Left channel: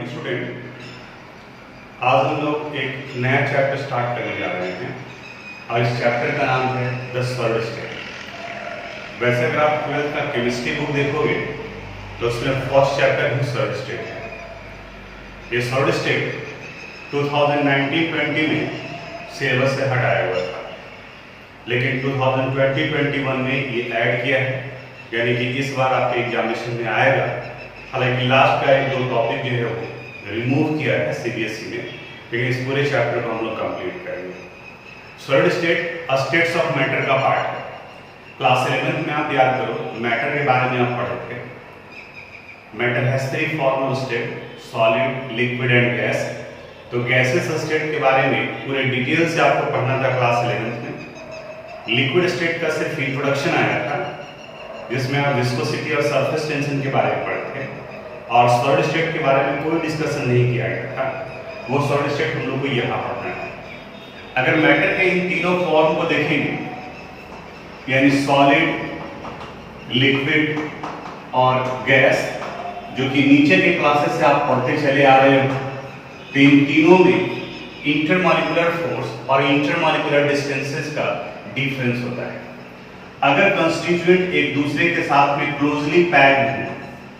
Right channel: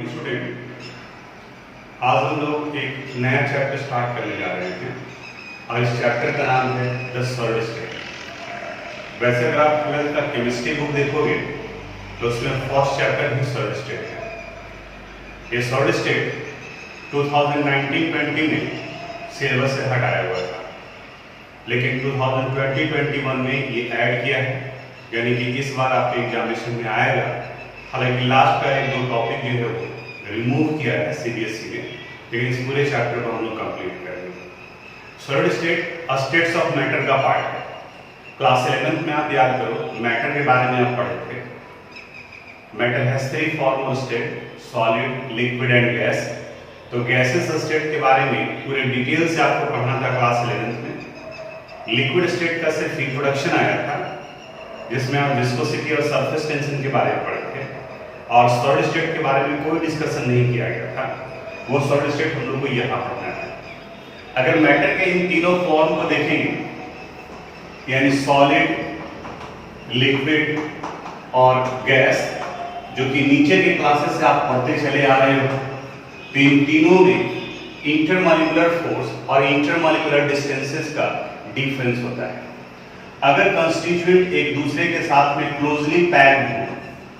Morning student. आज हम लोग एक नया चैप्टर स्टार्ट करने जा रहे हैं और इस चैप्टर का नाम है द सॉलिड स्टेट। वैसे अगर आप 12th का केमिस्ट्री बुक देखोगे तो उसमें फर्स्ट चैप्टर ही सॉलिड स्टेट है। ये सॉलिड स्टेट 2019-20 में सिलेबस से हटाया हुआ था, लेकिन 2020-21 में ये ऐड किया है, यानी कि इस बार आपके एग्जामिनेशन में आएगा। हालांकि लास्ट का एक दो टॉपिक जो है वो रिमूव किया है सीबीएसई ने, लेकिन इस पूरे चैप्टर को हम लोग कंप्लीट करेंगे। Solid state states of matter का पार्ट है। क्लास 11th में आप याद करो, मैटर के बारे में आप पढ़े थे। Matter has 3 formal state, solid, liquid and gas. तो गैसेस स्टेट के बारे में पूरे डिटेल से आपको पढ़ना था क्लास 11th में। लिक्विड स्टेट का सिर्फ इंट्रोडक्शन आया था, जिसमें आप विस्कोसिटी और सरफेस टेंशन के बारे में पढ़े थे, और सॉलिड स्टेट के बारे में कोई डिस्कशन नहीं किया गया था। वो सॉलिड स्टेट हम लोग को यहाँ पढ़ना है। अगर मैटर के इन तीनों फॉर्म को देखेंगे, यानी सॉलिड, लिक्विड और गैस, जो कि नीचे के क्लासेस से आप पढ़ते चले आ रहे हो, तो इन तीनों में इंटरमॉलिक्यूलर फोर्स और इंटरमॉलिक्यूलर डिस्टेंसेस का डिफरेंस होता है। अगर कंस्टिट्यूएंट एक दूसरे के साथ में क्लोजली पैक्ड हो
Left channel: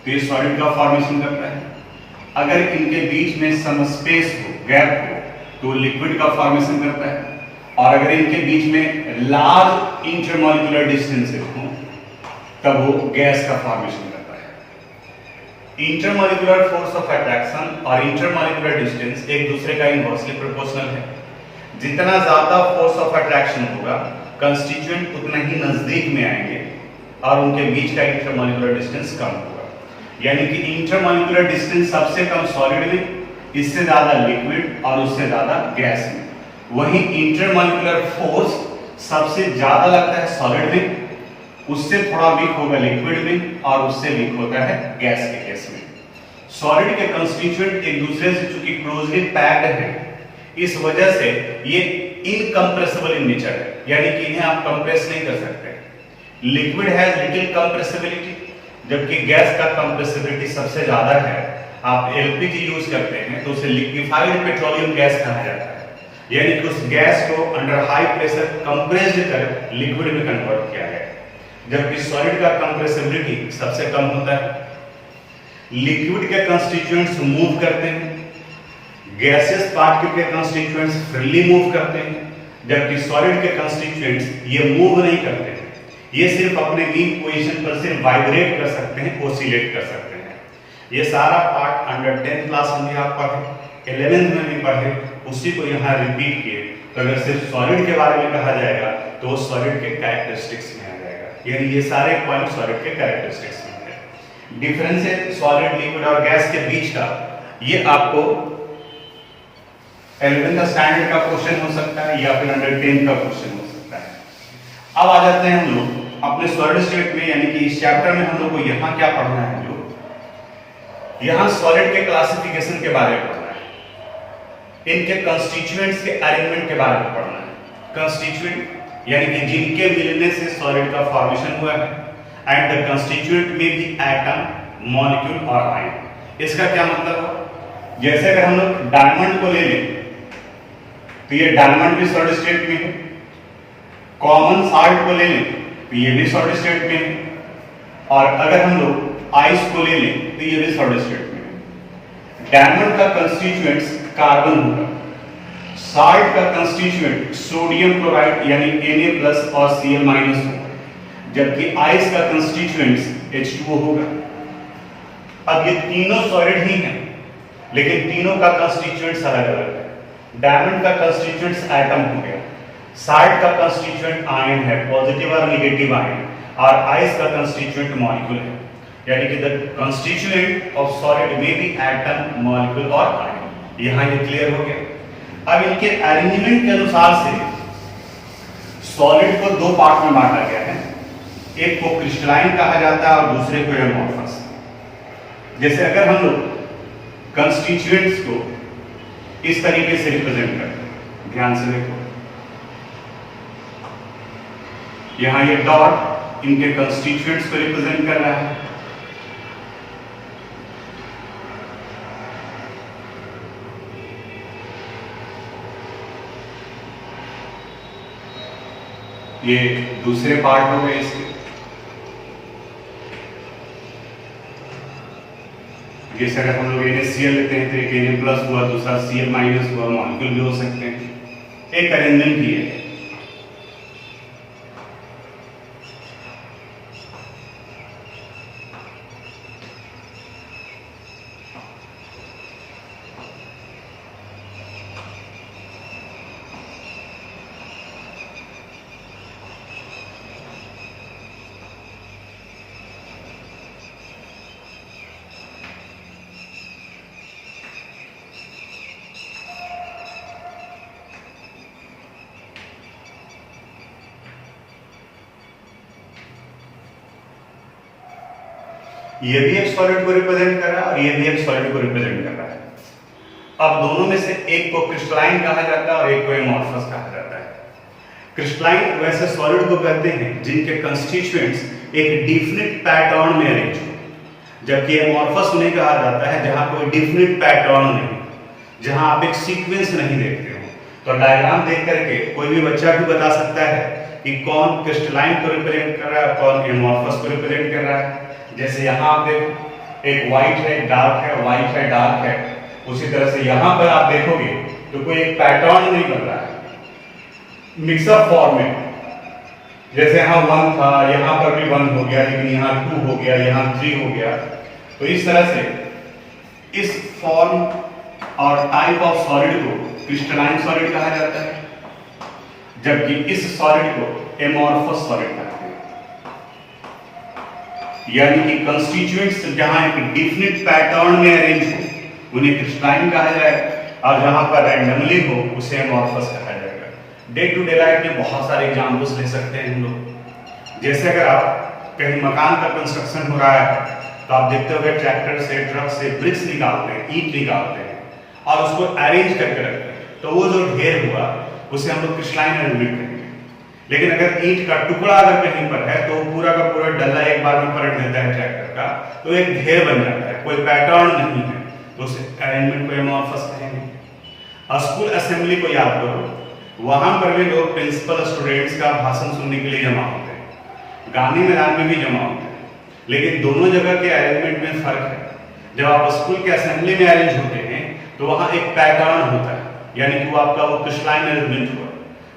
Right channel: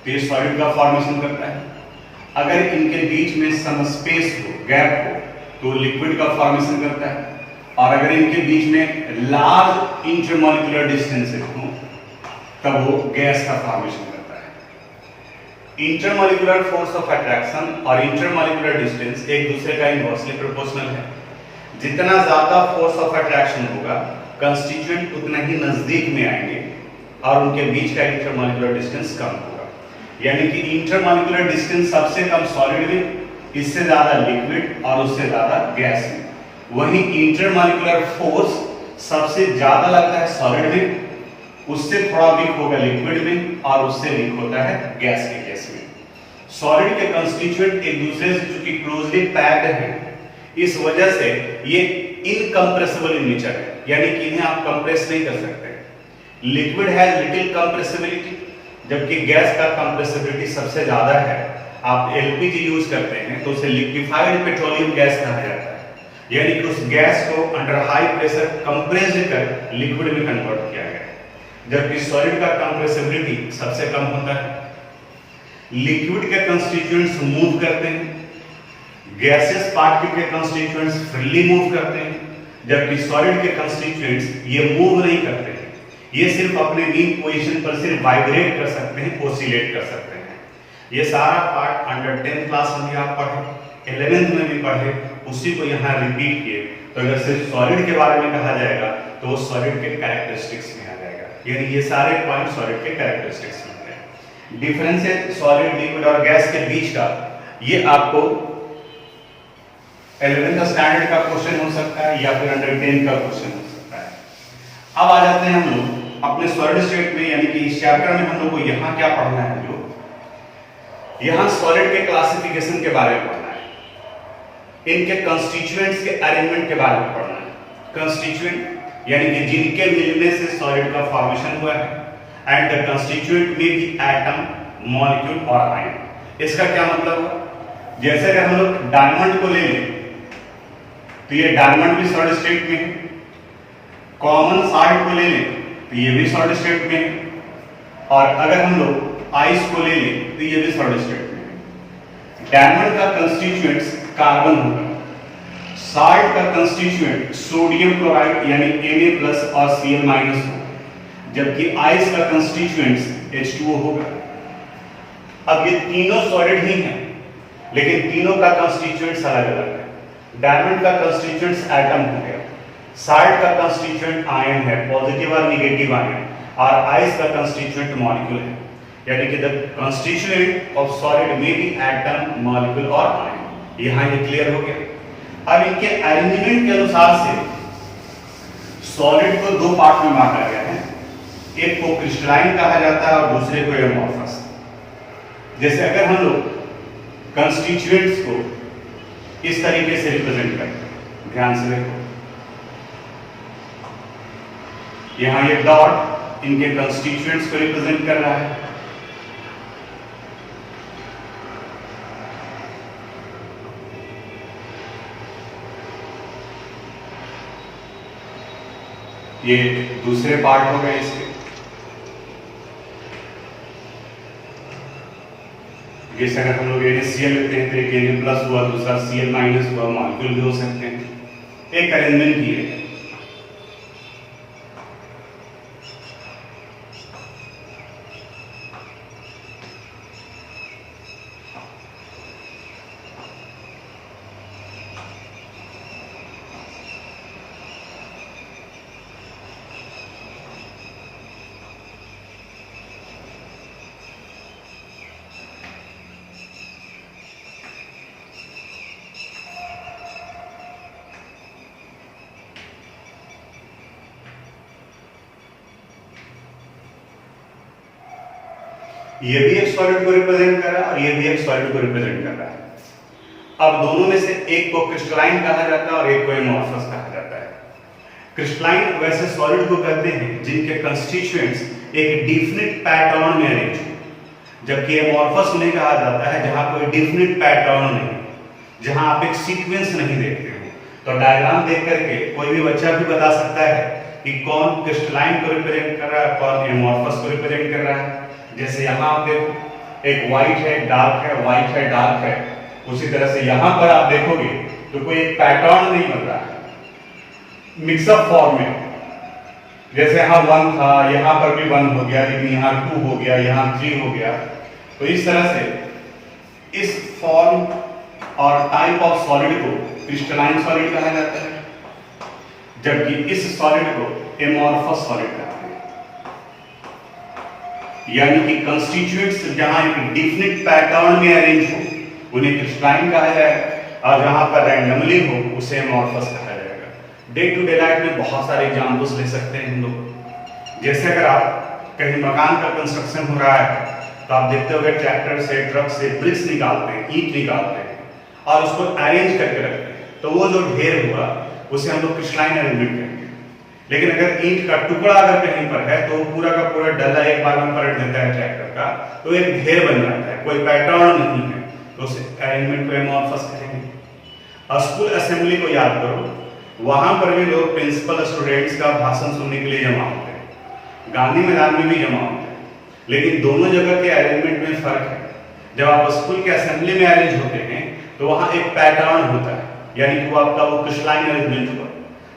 तो ये सॉलिड का फॉर्मेशन करता है। अगर इनके बीच में सम स्पेस हो, गैप हो, तो लिक्विड का फॉर्मेशन करता है। और अगर इनके बीच में लार्ज इंटरमॉलिक्यूलर डिस्टेंसेस हो तब वो गैस का फॉर्मेशन करता है। इंटरमॉलिक्यूलर फोर्स ऑफ अट्रैक्शन और इंटरमॉलिक्यूलर डिस्टेंस एक दूसरे का इनवर्सली प्रोपोर्शनल है। जितना ज्यादा फोर्स ऑफ अट्रैक्शन होगा, कंस्टिट्यूएंट उतना ही नजदीक में आएंगे और उनके बीच का इंटरमॉलिक्यूलर डिस्टेंस कम होगा। यानी कि इंटरमॉलिक्यूलर डिस्टेंस सबसे कम सॉलिड में, इससे ज्यादा लिक्विड और उससे ज्यादा गैस में। वहीं इंटरमॉलिक्यूलर फोर्स सबसे ज्यादा लगता है सॉलिड में, उससे थोड़ा वीक होगा लिक्विड में, और उससे वीक होता है गैस के केस में। सॉलिड के कंस्टिट्यूएंट एक दूसरे से चूंकि क्लोजली पैक्ड हैं, इस वजह से ये इनकंप्रेसिबल इन नेचर है, यानी कि इन्हें आप कंप्रेस नहीं कर सकते। लिक्विड हैज लिटिल कंप्रेसिबिलिटी, जबकि गैस का कंप्रेसिबिलिटी सबसे ज्यादा है। आप एलपीजी यूज करते हैं तो उसे लिक्विफाइड पेट्रोलियम गैस कहा जाता है, यानी कि उस गैस को अंडर हाई प्रेशर कंप्रेस्ड कर लिक्विड में कन्वर्ट किया है, जबकि सॉलिड का कंप्रेसिबिलिटी सबसे कम होता है। लिक्विड के कंस्टिट्यूएंट्स मूव करते हैं, गैसेस पार्टिकल के कंस्टिट्यूएंट्स फ्रीली मूव करते हैं, जबकि सॉलिड के कंस्टिट्यूएंट्स ये मूव नहीं करते हैं। ये सिर्फ अपने मीन पोजीशन पर सिर्फ वाइब्रेट कर सकते हैं, ओसिलेट कर सकते हैं। ये सारा पार्ट अंडर 10th क्लास में भी आप पढ़े, 11th में भी पढ़े, उसी को यहाँ रिपीट किए। तो अगर सिर्फ सॉलिड के बारे में कहा जाएगा तो वो सॉलिड के कैरेक्टरिस्टिक्स में आ जाएगा, यानी ये सारे पॉइंट सॉलिड के कैरेक्टरिस्टिक्स में है। डिफरेंस सॉलिड, लिक्विड और गैस के बीच का, ये आपको 11th का स्टैंडर्ड का क्वेश्चन हो सकता है या फिर अंडर 10th का क्वेश्चन हो सकता है। अब आ जाते हैं हम लोग अपने सॉलिड स्टेट में, यानी कि इस चैप्टर में हम लोग को यहाँ क्या पढ़ना है। जो यहाँ सॉलिड के क्लासिफिकेशन के बारे में पढ़ना है, इनके कंस्टिट्यूएंट्स के अरेंजमेंट के बारे में पढ़ना है। कंस्टिट्यूएंट यानी कि जिनके मिलने से सॉलिड का फॉर्मेशन हुआ है, एंड द कंस्टिट्यूएंट में भी एटम, मॉलिक्यूल और आयन। इसका क्या मतलब हुआ? जैसे अगर हम लोग डायमंड को ले लें तो ये डायमंड भी सॉलिड स्टेट में है। कॉमन साल्ट को ले लें तो ये भी सॉलिड स्टेट में है। और अगर हम लोग आइस को ले लें तो ये भी सॉलिड स्टेट में है। डायमंड का कंस्टिट्यूएंट्स कार्बन होगा, साल्ट का कंस्टिट्यूएंट सोडियम क्लोराइड यानी Na+ और Cl- होगा, जबकि आइस का कंस्टिट्यूएंट्स H2O होगा। अब ये तीनों सॉलिड ही हैं, लेकिन तीनों का कंस्टिट्यूएंट्स अलग अलग है। डायमंड का कंस्टिट्यूएंट्स एटम हो गया, साल्ट का कंस्टिट्यूएंट आयन है, पॉजिटिव और नेगेटिव आयन, और आइस का कंस्टिट्यूएंट मॉलिक्यूल है, यानी कि द कंस्टिट्यूएंट ऑफ सॉलिड में भी एटम, मॉलिक्यूल और आयन। यहां ये क्लियर हो गया। अब इनके अरेंजमेंट के अनुसार से सॉलिड को दो पार्ट में बांटा गया है, एक को क्रिस्टलाइन कहा जाता है और दूसरे को एमोर्फस। जैसे अगर हम लोग कंस्टिट्यूएंट्स को इस तरीके से रिप्रेजेंट करते हैं, ध्यान से देखो, यहां ये डॉट इनके कंस्टिट्यूएंट्स को रिप्रेजेंट कर रहा है। ये दूसरे पार्ट हो गए इसके। जैसे अगर हम लोग NaCl लेते हैं तो एक Na प्लस हुआ, दूसरा Cl माइनस हुआ, मॉलिक्यूल भी हो सकते हैं। एक अरेंजमेंट की है। ये भी एक सॉलिड को रिप्रेजेंट कर रहा है और ये भी एक सॉलिड को रिप्रेजेंट कर रहा है। अब दोनों में से एक को क्रिस्टलाइन कहा जाता है और एक को एमॉर्फस कहा जाता है। क्रिस्टलाइन वैसे सॉलिड को कहते हैं जिनके कंस्टिट्यूएंट्स एक डिफिनिट पैटर्न में अरेंज हो, जबकि एमॉर्फस उन्हें कहा जाता है जहां कोई डिफिनिट पैटर्न नहीं, जहां आप एक सीक्वेंस नहीं देखते हो। तो डायग्राम देख करके कोई भी बच्चा भी बता सकता है कि कौन क्रिस्टलाइन को रिप्रेजेंट कर रहा है, कौन एमॉर्फस को रिप्रेजेंट कर रहा है। जैसे यहाँ आप देखो एक व्हाइट है, डार्क है, व्हाइट है, डार्क है। उसी तरह से यहाँ पर आप देखोगे तो कोई एक पैटर्न नहीं बन रहा है, मिक्सअप फॉर्म में। जैसे यहाँ 1 था, यहाँ पर भी 1 हो गया, लेकिन यहाँ 2 हो गया, यहाँ 3 हो गया। तो इस तरह से इस फॉर्म और टाइप ऑफ सॉलिड को क्रिस्टलाइन सॉलिड कहा जाता है, जबकि इस सॉलिड को एमॉर्फस सॉलिड कहते हैं। यानी कि कंस्टिट्यूएंट्स जहां एक डिफिनिट पैटर्न में अरेंज हो उन्हें क्रिस्टलाइन कहा जाएगा, और जहां पर रैंडमली हो उसे एमॉर्फस कहा जाएगा। डे टू डे लाइफ में बहुत सारे एग्जाम्पल्स ले सकते हैं हम लोग। जैसे अगर आप कहीं मकान का कंस्ट्रक्शन हो रहा है तो आप देखते होंगे ट्रैक्टर से, ट्रक से ब्रिक्स निकालते हैं, ईंट निकालते हैं और उसको अरेंज करके रखते हैं। तो वो जो ढेर हुआ उसे हम लोग क्रिस्टलाइन अरेंजमेंट करेंगे। लेकिन अगर ईंट का टुकड़ा अगर कहीं पर है तो पूरा का पूरा डल्ला एक बार में पलट देता है ट्रैक्टर का, तो एक ढेर बन जाता है, कोई पैटर्न नहीं है, तो उस अरेंजमेंट को एमॉर्फस कहेंगे। स्कूल असेंबली को याद करो, वहां पर भी लोग प्रिंसिपल स्टूडेंट्स का भाषण सुनने के लिए जमा होते हैं, गांधी मैदान में भी जमा होते हैं, लेकिन दोनों जगह के अरेंजमेंट में फर्क है। जब आप स्कूल के असेंबली में अरेंज होते हैं तो वहां एक पैटर्न होता है, यानी कि वो आपका वो क्रिस्टलाइन अरेंजमेंट हुआ,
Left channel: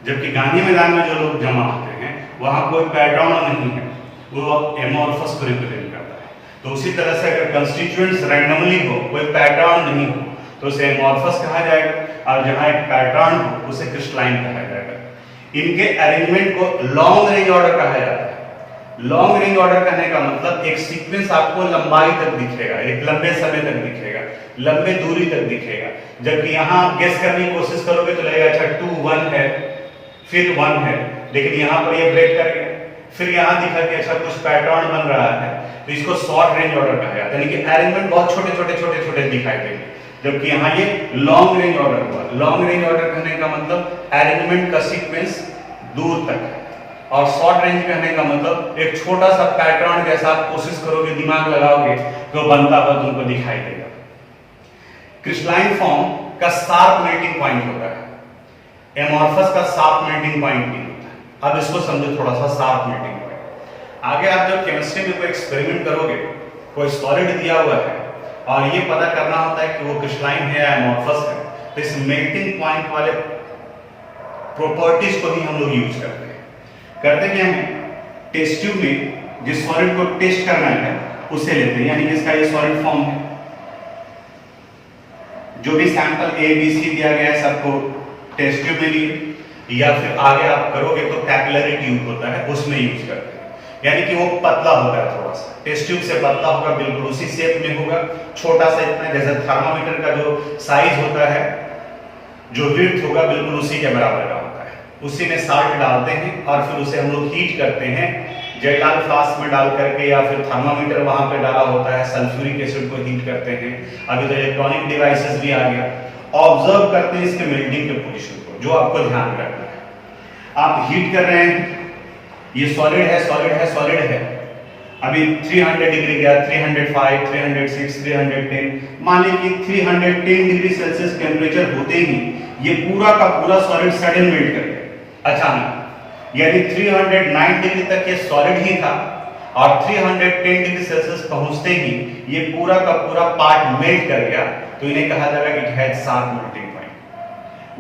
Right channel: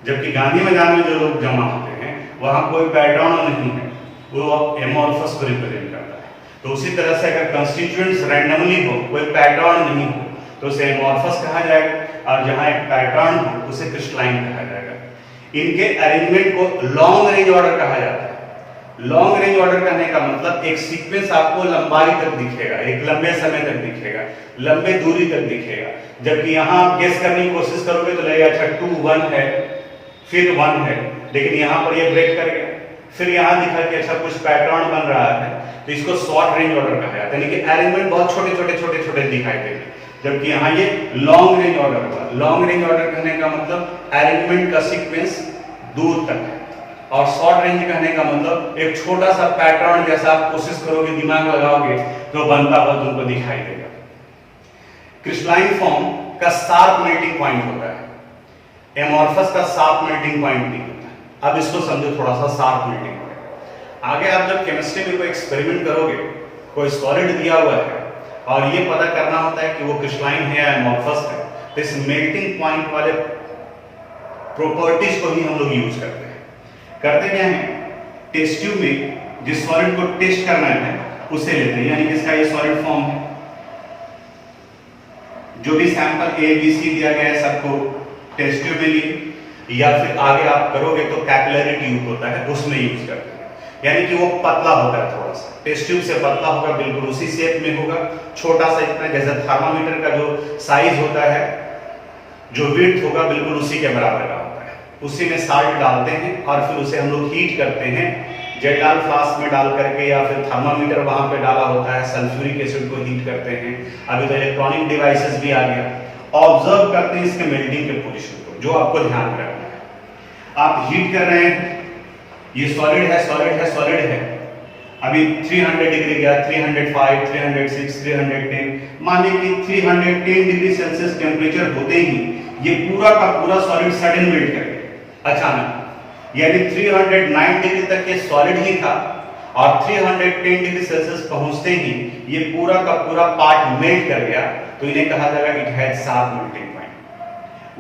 जबकि गांधी मैदान में जो लोग जमा होते हैं वहां कोई पैटर्न नहीं है, वो एमॉर्फस को रिप्रेजेंट करता है। तो उसी तरह से अगर कंस्टिट्यूएंट्स रैंडमली हो, कोई पैटर्न नहीं हो, तो उसे एमॉर्फस कहा जाएगा, और जहां एक पैटर्न हो उसे क्रिस्टलाइन कहा जाएगा। इनके अरेंजमेंट को लॉन्ग रेंज ऑर्डर कहा जाता है। लॉन्ग रेंज ऑर्डर कहने का मतलब एक सीक्वेंस आपको लंबाई तक दिखेगा, एक लंबे समय तक दिखेगा, लंबे दूरी तक दिखेगा। जबकि यहाँ गेस करने की कोशिश करोगे तो लगेगा अच्छा 2 1 है, फिर 1 है, लेकिन यहाँ पर ये ब्रेक कर गया, फिर यहाँ दिखा कि अच्छा कुछ पैटर्न बन रहा है, तो इसको शॉर्ट रेंज ऑर्डर कहा जाता है। यानी कि अरेंजमेंट बहुत छोटे छोटे छोटे छोटे दिखाई देंगे, जबकि यहाँ ये लॉन्ग रेंज ऑर्डर हुआ। लॉन्ग रेंज ऑर्डर कहने का मतलब अरेंजमेंट का सीक्वेंस दूर तक है, और शॉर्ट रेंज कहने का मतलब एक छोटा सा पैटर्न जैसा आप कोशिश करोगे, दिमाग लगाओगे तो बनता हुआ तुमको दिखाई देगा। क्रिस्टलाइन फॉर्म का शार्प मेल्टिंग पॉइंट होता है, एमॉर्फस का शार्प मेल्टिंग पॉइंट नहीं होता। अब इसको समझो थोड़ा सा, शार्प मेल्टिंग पॉइंट। आगे आप जब केमिस्ट्री में कोई एक्सपेरिमेंट करोगे, कोई सॉलिड दिया हुआ है और ये पता करना होता है कि वो क्रिस्टलाइन है या एमॉर्फस है, तो इस मेल्टिंग पॉइंट वाले प्रॉपर्टीज को ही हम लोग यूज करते हैं। करते क्या है, टेस्ट ट्यूब में जिस सॉलिड को टेस्ट करना है उसे लेते हैं, यानी जिसका ये सॉलिड फॉर्म है, जो भी सैंपल A B C दिया गया है सबको टेस्ट ट्यूब में लिए, या फिर आगे आप करोगे तो कैपिलरी ट्यूब होता है उसमें यूज करते हैं। यानी कि वो पतला होता है, थोड़ा सा टेस्ट ट्यूब से पतला होगा, बिल्कुल उसी शेप में होगा, छोटा सा इतना, जैसे थर्मामीटर का जो साइज होता है, जो विड्थ होगा बिल्कुल उसी के बराबर का होता है। उसी में साल्ट डालते हैं और फिर उसे हम लोग हीट करते हैं, जेटाल फ्लास्क में डाल करके, या फिर थर्मामीटर वहां पे डाला होता है, सल्फ्यूरिक एसिड को हीट करते हैं। अभी तो इलेक्ट्रॉनिक डिवाइसेस भी आ गया, ऑब्जर्व करते हैं इसके मेल्टिंग के पोजीशन को, जो आपको ध्यान रखना है। आप हीट कर रहे हैं, ये सॉलिड है, सॉलिड है, सॉलिड है, अभी 300 डिग्री गया, 305, 306, 310, मान लीजिए कि 310 डिग्री सेल्सियस टेम्परेचर होते ही ये पूरा का पूरा सॉलिड सडन मेल्ट करेगा अचानक। यानी 309 डिग्री तक ये सॉलिड ही था और 310 डिग्री सेल्सियस पहुंचते ही ये पूरा का पूरा पार्ट मेल्ट कर गया, तो इन्हें कहा जाएगा it has sharp melting point.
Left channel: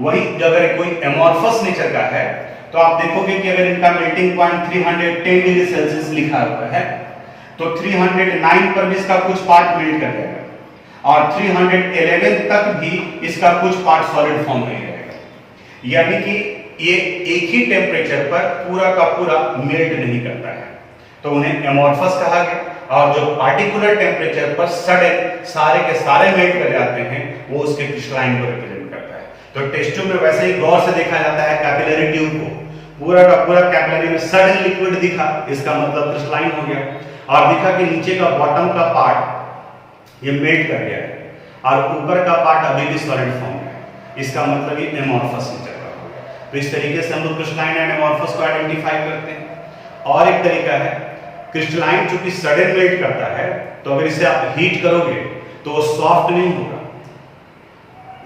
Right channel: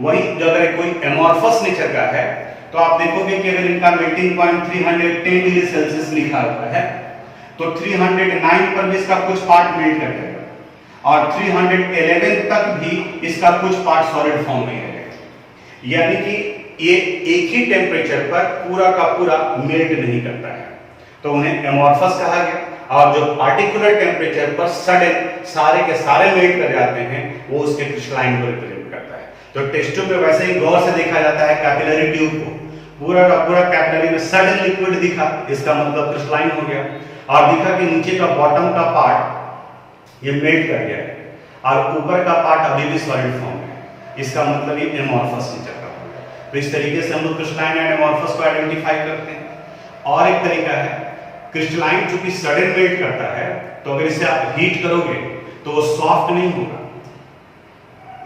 वही अगर कोई एमॉर्फस नेचर का है तो आप देखोगे कि अगर इनका मेल्टिंग पॉइंट 310 डिग्री सेल्सियस लिखा हुआ है तो 309 पर भी इसका कुछ पार्ट मेल्ट कर जाएगा और 311 तक भी इसका कुछ पार्ट सॉलिड फॉर्म में रहेगा। यानी कि ये एक ही टेम्परेचर पर पूरा का पूरा मेल्ट नहीं करता है, तो उन्हें एमॉर्फस कहा गया। और जो पार्टिकुलर टेम्परेचर पर सडन सारे के सारे मेल्ट कर जाते हैं वो उसके क्रिस्टलाइन को रिप्रेजेंट करता है। तो टेस्ट ट्यूब में वैसे ही गौर से देखा जाता है कैपिलरी ट्यूब को, पूरा का पूरा कैपिलरी में सडन लिक्विड दिखा, इसका मतलब क्रिस्टलाइन हो गया, और दिखा कि नीचे का बॉटम का पार्ट ये मेल्ट कर गया है और ऊपर का पार्ट अभी भी सॉलिड फॉर्म है, इसका मतलब ये एमॉर्फस नेचर का हो गया। तो इस तरीके से हम लोग क्रिस्टलाइन एंड एमॉर्फस को आइडेंटिफाई करते हैं। और एक तरीका है, क्रिस्टलाइन चूंकि सडन मेल्ट करता है तो अगर इसे आप हीट करोगे तो वो सॉफ्ट नहीं होगा,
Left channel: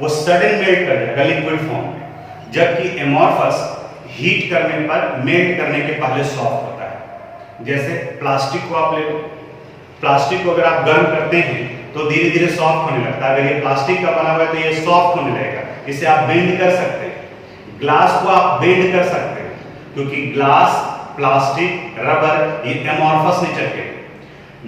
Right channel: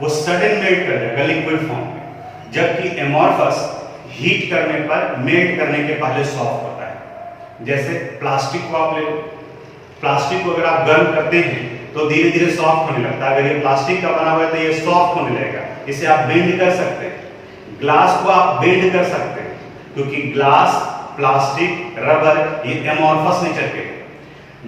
वो सडन मेल्ट कर जाएगा लिक्विड फॉर्म में, जबकि एमॉर्फस हीट करने पर मेल्ट करने के पहले सॉफ्ट होता है। जैसे प्लास्टिक को आप ले लो, प्लास्टिक को अगर आप गर्म करते हैं तो धीरे धीरे सॉफ्ट होने लगता है। अगर ये प्लास्टिक का बना हुआ है तो ये सॉफ्ट होने लगेगा, इसे आप बेंड कर सकते हैं। ग्लास को आप बेंड कर सकते हैं क्योंकि ग्लास, प्लास्टिक, रबर ये एमॉर्फस नेचर के,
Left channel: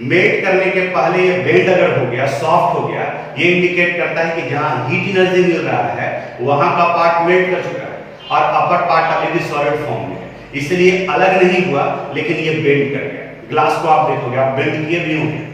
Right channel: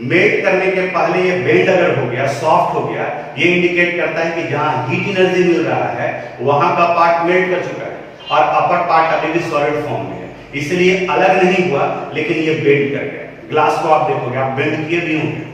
मेल्ट करने के पहले ये बेंड अगर हो गया, सॉफ्ट हो गया, ये इंडिकेट करता है कि जहां हीट एनर्जी मिल रहा है वहां का पार्ट मेल्ट कर चुका है और अपर पार्ट अभी भी सॉलिड फॉर्म में है, इसलिए अलग नहीं हुआ लेकिन ये बेंड कर गया। ग्लास को आप देखोगे, आप बेंड किए भी होंगे,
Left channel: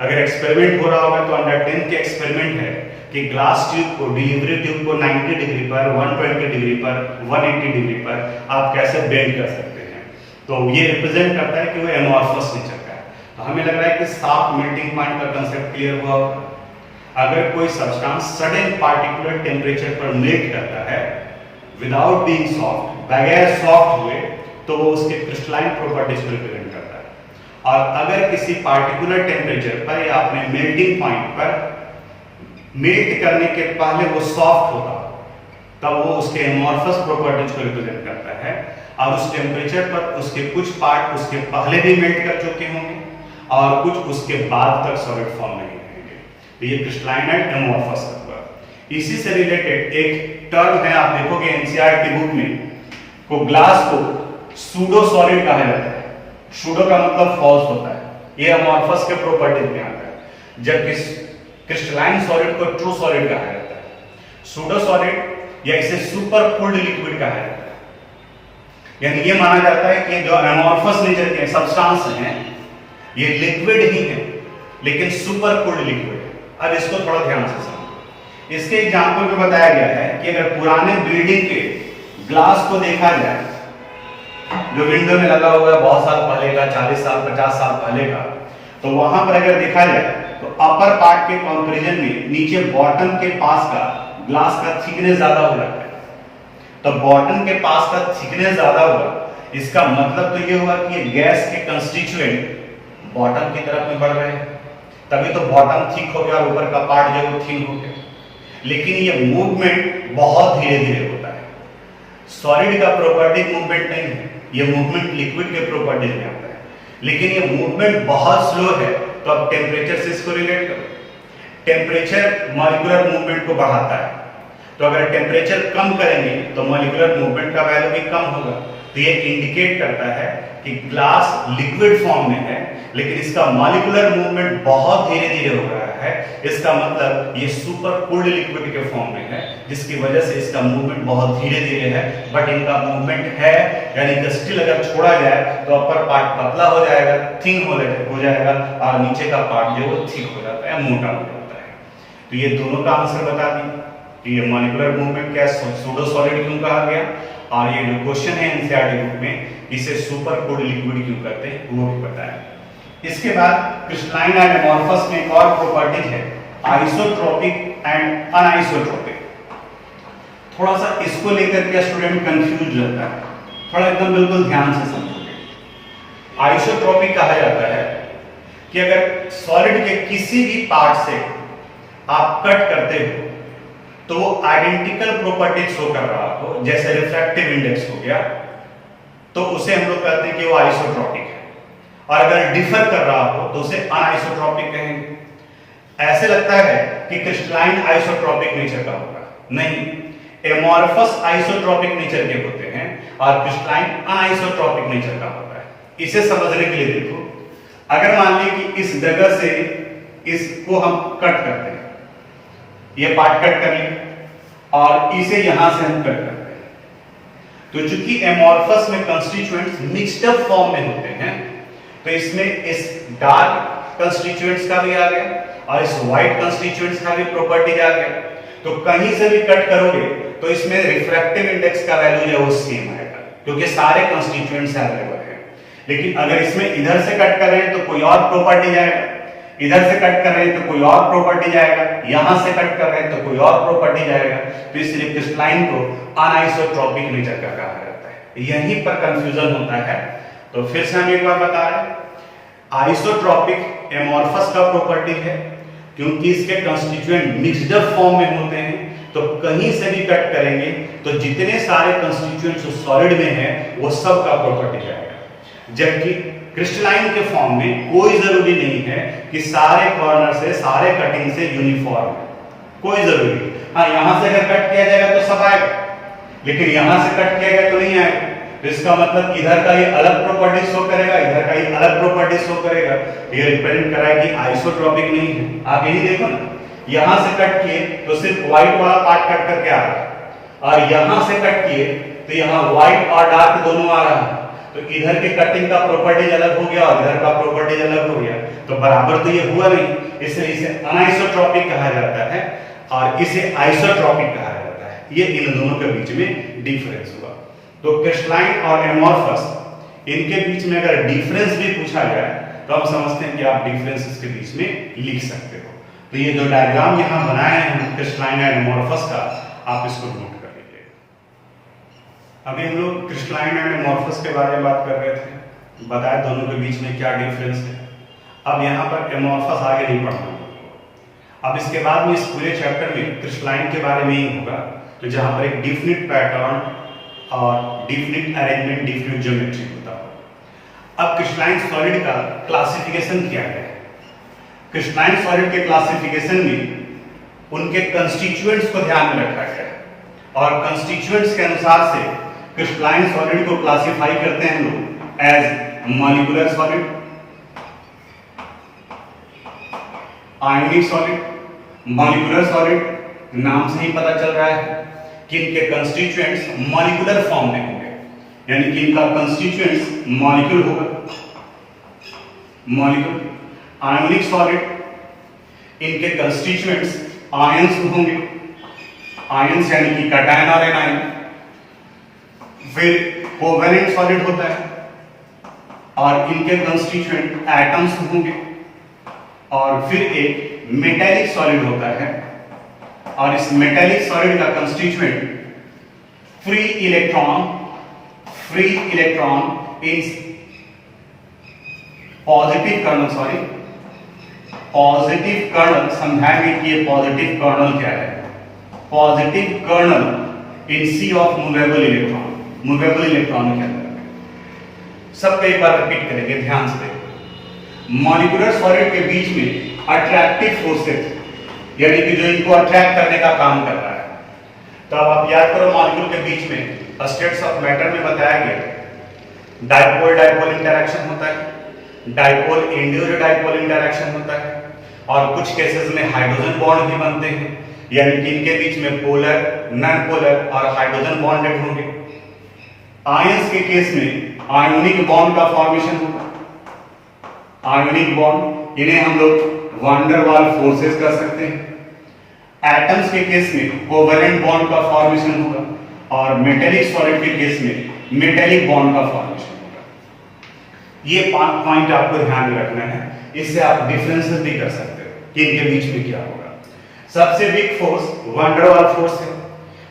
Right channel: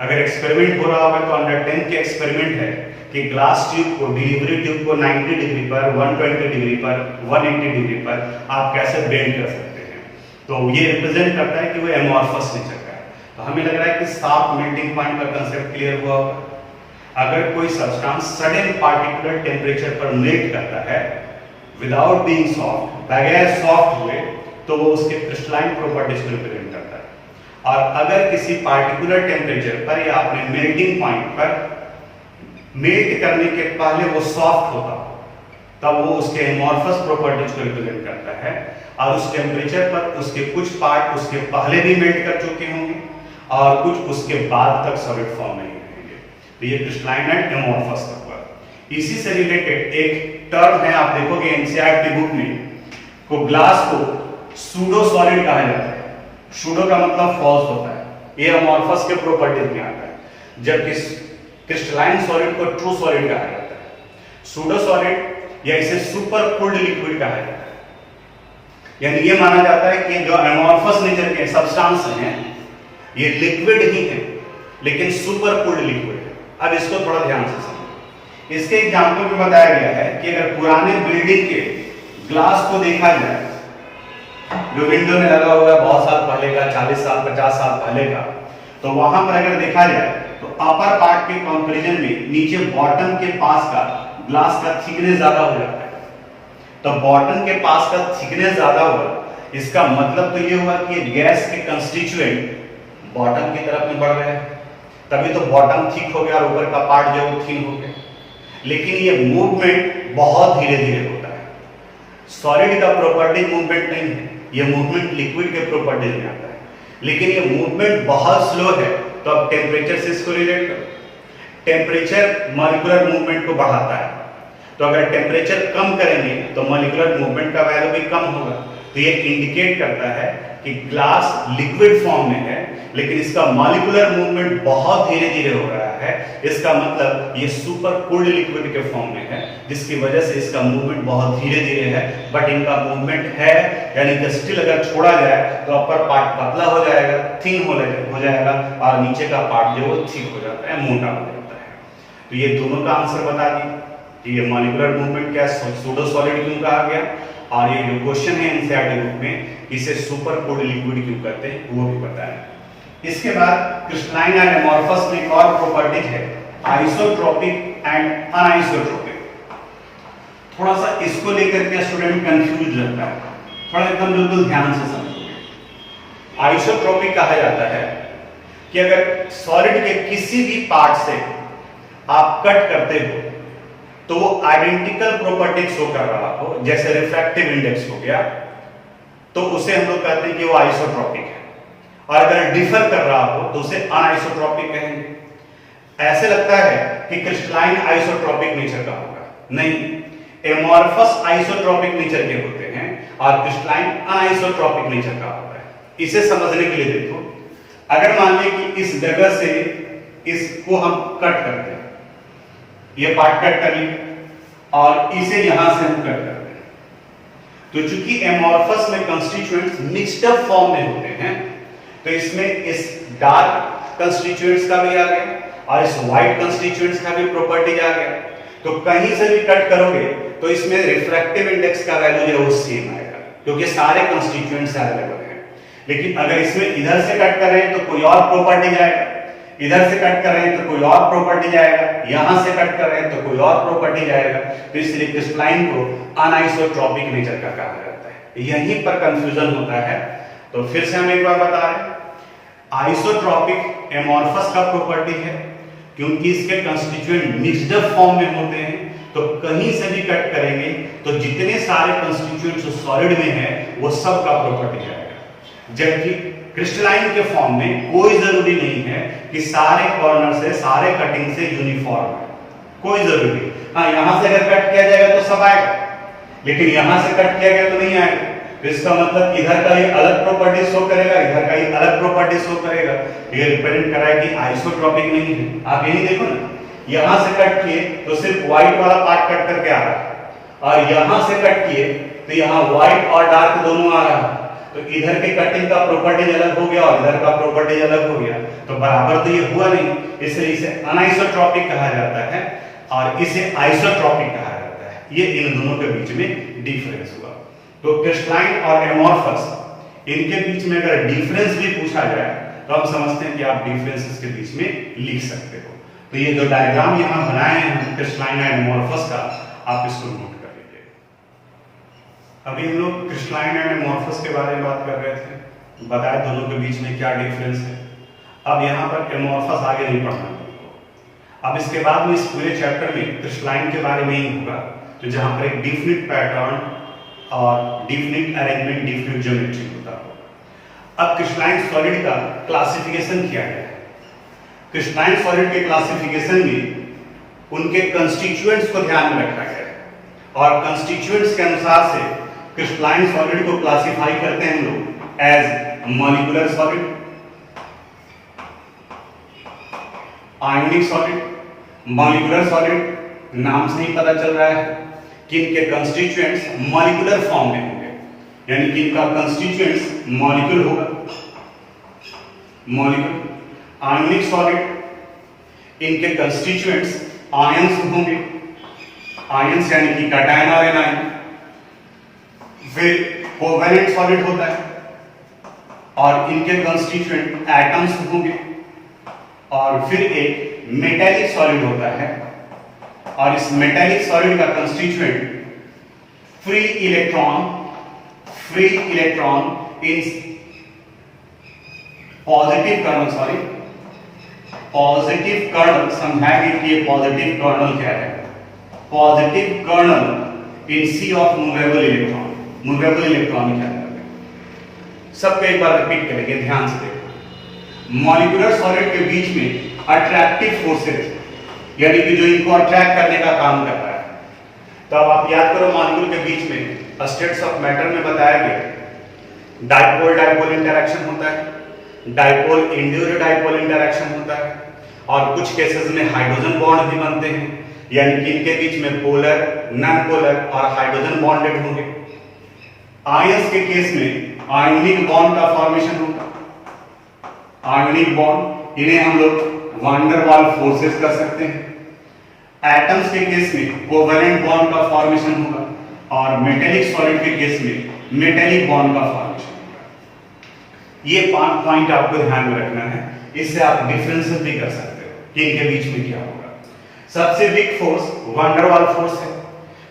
अगर एक्सपेरिमेंट हो रहा होगा तो अंडर 10 के एक्सपेरिमेंट है कि ग्लास ट्यूब को, डिलीवरी ट्यूब को 90 डिग्री पर, 120 डिग्री पर, 180 डिग्री पर आप कैसे बेंड कर सकते हैं, तो ये रिप्रेजेंट करता है कि वो एमॉर्फस नेचर का है। तो हमें लग रहा है कि शार्प मेल्टिंग पॉइंट का कंसेप्ट क्लियर हुआ होगा। अगर कोई सब्सटेंस सडन पार्टिकुलर टेम्परेचर पर मेल्ट करता है विदाउट बीइंग सॉफ्ट, बगैर सॉफ्ट हुए, तो वो उसके क्रिस्टलाइन प्रॉपर्टीज को रिप्रेजेंट करता है। और अगर किसी पार्टिकुलर टेम्परेचर पर या अपने मेल्टिंग पॉइंट पर मेल्ट करने के पहले वो सॉफ्ट होता, तब वो उसके एमॉर्फस प्रॉपर्टीज को रिप्रेजेंट करता है। और उस टेम्परेचर पर उसके कुछ पार्ट उसके पहले भी मेल्ट कर चुके होंगे और कुछ उसके बाद तक सॉलिड फॉर्म में ही रहेंगे। तो ये क्रिस्टलाइन एंड एमॉर्फस तक हुआ। इसी से रिलेटेड एक टर्म है, आप देखोगे एनसीईआरटी बुक में, को ग्लास को सूडो सॉलिड कहा जाता है। सूडो का मतलब फॉल्स होता है, ये एमॉर्फस के प्रॉपर्टीज में आता है, जबकि क्रिस्टलाइन सॉलिड को ट्रू सॉलिड कहा जाता है। सूडो सॉलिड या इसे सुपर कूल्ड लिक्विड कहा जाता है, यानी ये माना जाता है कि जो एमॉर्फस नेचर के सब्सटेंस हैं ये लिक्विड ही है लेकिन सुपर कूल्ड लिक्विड है। अब इसको थोड़ा ध्यान से समझो। इसके एग्जांपल में बताया गया है कि अगर पुराने बिल्डिंग के ग्लास को देखा जाए, जो विंडो में लगा हुआ है बहुत साल पहले का, 40 साल 50 साल पहले का, तो वहां पर अगर देखा जाए तो अपर पार्ट के कंपैरिजन में नीचे बॉटम के पास का ग्लास का थिकनेस ज्यादा हो जाता है। तो बॉटम के पास का थिकनेस ज्यादा हुआ, इसका मतलब तो ये हुआ कि गैस के कंस्टिट्यूएंट बॉटम की तरफ में बढ़ रहे हैं, तभी तो बॉटम थिक हो गया और ऊपर का पार्ट जो थिन हो गया। लेकिन ये मूवमेंट बहुत धीरे धीरे होता है, सॉलिड का प्रॉपर्टी मूवमेंट नहीं है, ये मूवमेंट लिक्विड के प्रॉपर्टीज में आता है। लेकिन ये मूवमेंट बहुत स्लो है, तो अब टेम्परेचर से इसको रिलेट करो। टेम्परेचर मॉलिक्यूलर मूवमेंट को बढ़ाता है, तो अगर टेम्परेचर कम करेंगे तो मॉलिक्यूलर मूवमेंट का वैल्यू भी कम होगा। तो ये इंडिकेट करता है कि ग्लास लिक्विड फॉर्म में है लेकिन इसका मॉलिक्यूलर मूवमेंट बहुत धीरे धीरे हो रहा है। इसका मतलब ये सुपर कूल्ड लिक्विड के फॉर्म में है, जिसकी वजह से इसका मूवमेंट बहुत धीरे धीरे है, बट इनका मूवमेंट है। यानी कि स्टिल अगर छोड़ा जाए तो अपर पार्ट पतला हो जाएगा, थिन हो जाएगा और नीचे का पार्ट जो है थिक हो जाता है, मोटा हो जाता है। तो ये दोनों का आंसर बता दिए कि ये मॉलिक्यूलर मूवमेंट क्या सूडो सॉलिड क्यों कहा गया, और ये जो क्वेश्चन है एनसीईआरटी बुक में, इसे सुपर कूल्ड लिक्विड क्यों कहते हैं वो भी बताया। इसके बाद क्रिस्टलाइन एंड एमॉर्फस में एक और प्रॉपर्टीज है, आइसोट्रोपिक एंड अनआइसोट्रोपिक। थोड़ा सा इसको लेकर के स्टूडेंट कंफ्यूज रहता है, थोड़ा एकदम बिल्कुल ध्यान से समझोगे। आइसोट्रोपिक कहा जाता है कि अगर सॉलिड के किसी भी पार्ट से आप कट करते हो तो वो आइडेंटिकल प्रॉपर्टी शो कर रहा हो, जैसे रिफ्रैक्टिव इंडेक्स हो गया, तो उसे हम लोग कहते हैं कि वो आइसोट्रॉपिक है, और अगर डिफर कर रहा हो तो उसे अनआइसोट्रॉपिक कहेंगे। ऐसे लगता है कि क्रिस्टलाइन आइसोट्रॉपिक नेचर का होगा, नहीं, एमॉर्फस आइसोट्रॉपिक नेचर के होते हैं और क्रिस्टलाइन अनआइसोट्रॉपिक नेचर का होता है। इसे समझने के लिए देखो, अगर मान लें कि इस जगह से इसको हम कट करते हैं, ये पार्ट कट कर लिया और इसे यहां से हम कट करते हैं, तो चूंकि एमॉर्फस में कंस्टिट्यूएंट्स मिक्स्ड अप फॉर्म में होते हैं, तो इसमें इस डार्क कंस्टिट्यूएंट्स का भी आ गया और इस व्हाइट कंस्टिट्यूएंट्स का भी प्रॉपर्टीज आ गया। तो कहीं से भी कट करोगे तो इसमें रिफ्रैक्टिव इंडेक्स का वैल्यू जो है वो सेम आएगा, क्योंकि सारे कंस्टिट्यूएंट्स अवेलेबल हैं। लेकिन अगर इसमें इधर से कट कर रहे हैं तो कोई और प्रॉपर्टी जाएगा, इधर से कट कर रहे हैं तो कोई और प्रॉपर्टी जाएगा, यहां से कट कर रहे हैं तो कोई और प्रॉपर्टी जाएगा। तो इसलिए क्रिस्टलाइन को अनआइसोट्रॉपिक नेचर का कहा जाता है। यहीं पर कंफ्यूजन होता है। तो फिर से हम एक बार बता रहे हैं, आइसोट्रॉपिक एमॉर्फस का प्रॉपर्टी है क्योंकि इसके कंस्टिट्यूएंट मिक्स्ड अप फॉर्म में होते हैं, तो कहीं से भी कट करेंगे तो जितने सारे कंस्टिट्यूएंट्स जो सॉलिड में है वो सब का प्रॉपर्टी जाएगा। जबकि क्रिस्टलाइन के फॉर्म में कोई जरूरी नहीं है कि सारे कॉर्नर से, सारे कटिंग से यूनिफॉर्म है, कोई जरूरी नहीं। हाँ, यहां से अगर कट किया जाएगा तो सब आएगा, लेकिन यहां से कट किया गया तो नहीं आएगा। तो इसका मतलब इधर का ये अलग प्रॉपर्टी शो करेगा, इधर का ये अलग प्रॉपर्टी शो करेगा। ये रिप्रेजेंट करा है कि आइसोट्रॉपिक नहीं है। आप यही देखो ना, यहां से कट किए तो सिर्फ व्हाइट वाला पार्ट कट करके आ रहा है, और यहां से कट किए तो यहां व्हाइट और डार्क दोनों आ रहा है। तो इधर के कटिंग का प्रॉपर्टीज अलग हो गया और इधर का प्रॉपर्टीज अलग हो गया, तो बराबर तो ये हुआ नहीं, इसलिए इसे अनआइसोट्रॉपिक कहा जाता है और इसे आइसोट्रॉपिक कहा जाता है। ये इन दोनों के बीच में डिफरेंस हुआ। तो क्रिस्टलाइन और एमॉर्फस, इनके बीच में अगर डिफरेंस भी पूछा जाए तो हम समझते हैं कि आप डिफरेंसेस के बीच में लिख सकते हो। तो ये जो डायग्राम यहां बनाए हैं क्रिस्टलाइन और एमॉर्फस का, आप इसको नोट कर लीजिएगा। अभी हम लोग क्रिस्टलाइन एंड एमॉर्फस के बारे में बात कर रहे थे, बताया दोनों के बीच में क्या डिफरेंस है। अब यहाँ पर एमॉर्फस आगे नहीं पढ़ना है। अब इसके बाद में इस पूरे चैप्टर में क्रिस्टलाइन के बारे में ही होगा, तो जहां पर एक डिफिनिट पैटर्न और डिफिनिट अरेंजमेंट, डिफिनिट ज्योमेट्री होता है। अब क्रिस्टलाइन सॉलिड का क्लासिफिकेशन किया गया है। क्रिस्टलाइन सॉलिड के क्लासिफिकेशन में उनके कंस्टिट्यूएंट्स को ध्यान में रखा गया है, और कंस्टिट्यूएंट्स के अनुसार से क्रिस्टलाइन सॉलिड को क्लासिफाई करते हैं हम लोग as molecular solid, ionic solid. Molecular solid नाम से ही पता चल रहा है कि इनके कंस्टिट्यूएंट्स मॉलिक्यूलर फॉर्म में होंगे, यानी कि इनका कंस्टिट्यूएंट्स मॉलिक्यूल होगा, मॉलिक्यूल। आयनिक सॉलिड, इनके कंस्टिट्यूएंट्स आयंस होंगे, आयंस यानी कि कैटायन और एनायन। फिर कोवेलेंट सॉलिड होता है और इनके कंस्टिट्यूएंट एटम्स होंगे। और फिर एक मेटेलिक सॉलिड होता है, और इस मेटेलिक सॉलिड का constituent free electron in positive kernel, समझाएंगे कि ये पॉजिटिव कर्नल क्या है। Positive kernel in sea of movable electron क्या है। सबको एक बार रिपीट करेंगे, ध्यान से देखो। मॉलिक्यूलर सॉलिड के बीच में अट्रैक्टिव फोर्सेस, यानी कि जो इनको अट्रैक्ट करने का काम कर रहा है। तो अब आप याद करो, मॉलिक्यूल के बीच में स्टेट्स ऑफ मैटर में बताया गया डाइपोल इंटरैक्शन होता है, डाइपोल इंड्यूस्ड डाइपोल इंटरैक्शन होता है, और कुछ केसेस में हाइड्रोजन बॉन्ड भी बनते हैं, यानी कि इनके बीच में पोलर, नॉन पोलर और हाइड्रोजन बॉन्डेड होंगे। आयंस के केस में आयोनिक बॉन्ड का फॉर्मेशन होगा। आयोनिक बॉन्ड, इन्हें हम लोग वान डर वाल फोर्सेस कर सकते हैं। एटम्स के केस में कोवेलेंट बॉन्ड का फॉर्मेशन होगा, और मेटेलिक सॉलिड के केस में मेटेलिक बॉन्ड का फॉर्मेशन होगा। ये 5 पॉइंट आपको ध्यान में रखना है, इससे आप डिफरेंसेस भी कर सकते हो कि इनके बीच में क्या होगा। सबसे वीक फोर्स वान डर वाल फोर्स है,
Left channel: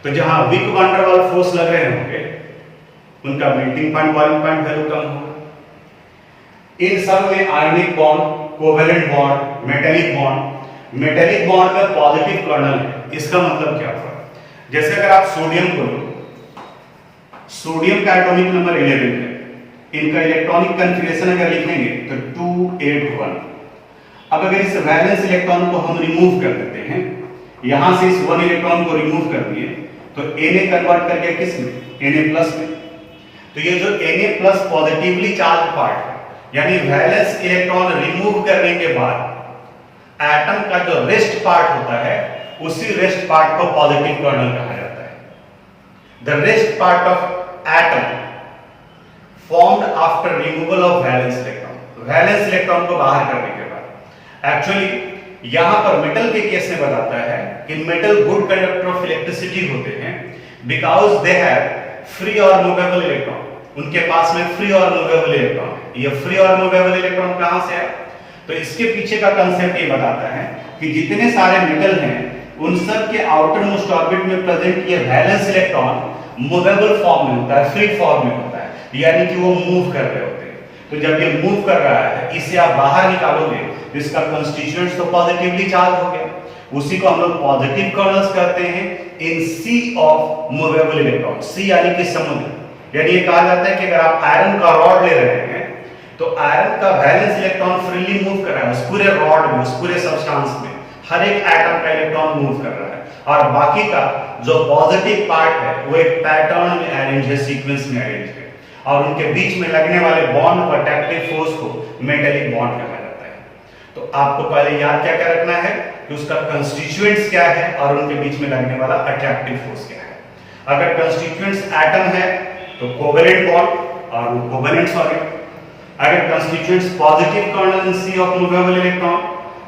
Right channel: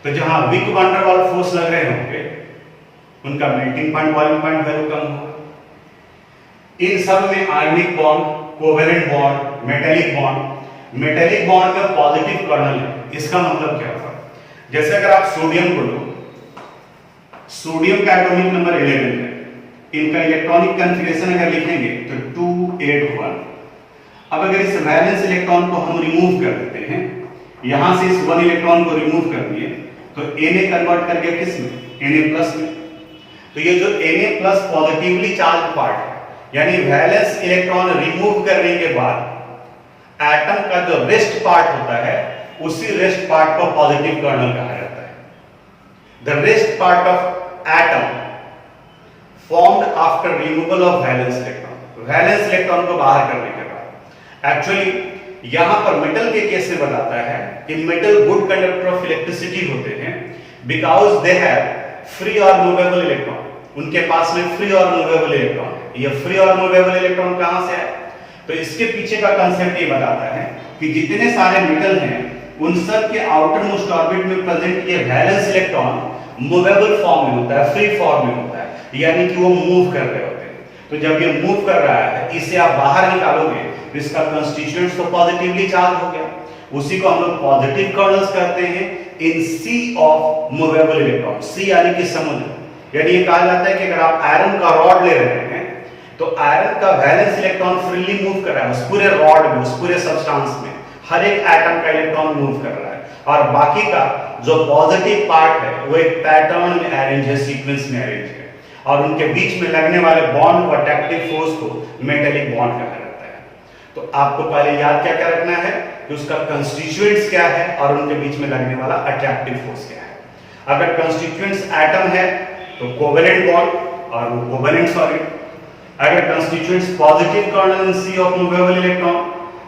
तो जहां वीक वान डर वाल फोर्स लग रहे होंगे उनका melting point, boiling point value कम होगा। इन सब में ionic bond, covalent bond, metallic bond का पॉजिटिव कर्नल है। इसका मतलब क्या हुआ, जैसे अगर आप सोडियम को लो, सोडियम का एटॉमिक नंबर 11 है, इनका इलेक्ट्रॉनिक कन्फिगरेशन अगर लिखेंगे तो 281। अब अगर इस वैलेंस इलेक्ट्रॉन को हम रिमूव कर देते हैं, यहां से इस 1 इलेक्ट्रॉन को रिमूव कर दिए तो Na कन्वर्ट कर गया किस में, Na+ में। तो ये जो Na+ पॉजिटिवली चार्ज पार्ट है, यानी वैलेंस इलेक्ट्रॉन रिमूव करने के बाद एटम का जो रेस्ट पार्ट होता है, उसी रेस्ट पार्ट को पॉजिटिव कर्नल कहा जाता है। The rest part of atom formed after removal of valence electron, valence electron को बाहर करने के बाद। एक्चुअली यहां पर मेटल के केस में बताता है कि metal good conductor of electricity होते हैं बिकॉज दे हैव फ्री और मूवेबल इलेक्ट्रॉन। उनके पास में फ्री और मूवेबल इलेक्ट्रॉन है। ये फ्री और मूवेबल इलेक्ट्रॉन कहां से है? तो इसके पीछे का कंसेप्ट ये बताता है कि जितने सारे मेटल हैं उन सब के आउटर मोस्ट ऑर्बिट में प्रेजेंट ये वैलेंस इलेक्ट्रॉन मूवेबल फॉर्म में होता है, फ्री फॉर्म में होता है, यानी कि वो मूव कर रहे होते हैं। तो जब ये मूव कर रहा है, इसे आप बाहर निकालोगे तो इसका कंस्टिट्यूएंट्स तो पॉजिटिवली चार्ज हो गया। उसी को हम लोग पॉजिटिव कर्नल्स कहते हैं इन सी ऑफ मूवेबल इलेक्ट्रॉन। सी यानी कि समुद्र। यानी ये कहा जाता है कि अगर आप आयरन का रॉड ले रहे हैं तो आयरन का वैलेंस इलेक्ट्रॉन फ्रीली मूव कर रहा है उस पूरे रॉड में, उस पूरे सब्सटेंस में। हर एक एटम का इलेक्ट्रॉन मूव कर रहा है और बाकी का जो पॉजिटिव पार्ट है वो एक पैटर्न में अरेंज है, सीक्वेंस में अरेंज है, और उनके बीच में लगने वाले बॉन्ड को, अट्रैक्टिव फोर्स को मेटेलिक बॉन्ड कहा जाता है। तो आपको पहले याद क्या क्या रखना है कि उसका कंस्टिट्यूएंट्स क्या है और उनके बीच में लगने वाला अट्रैक्टिव फोर्स क्या है। अगर कंस्टिट्यूएंट्स एटम है तो कोवेलेंट बॉन्ड और वो कोवेलेंट सॉलिड। अगर constituents positive kernel in sea of movable electron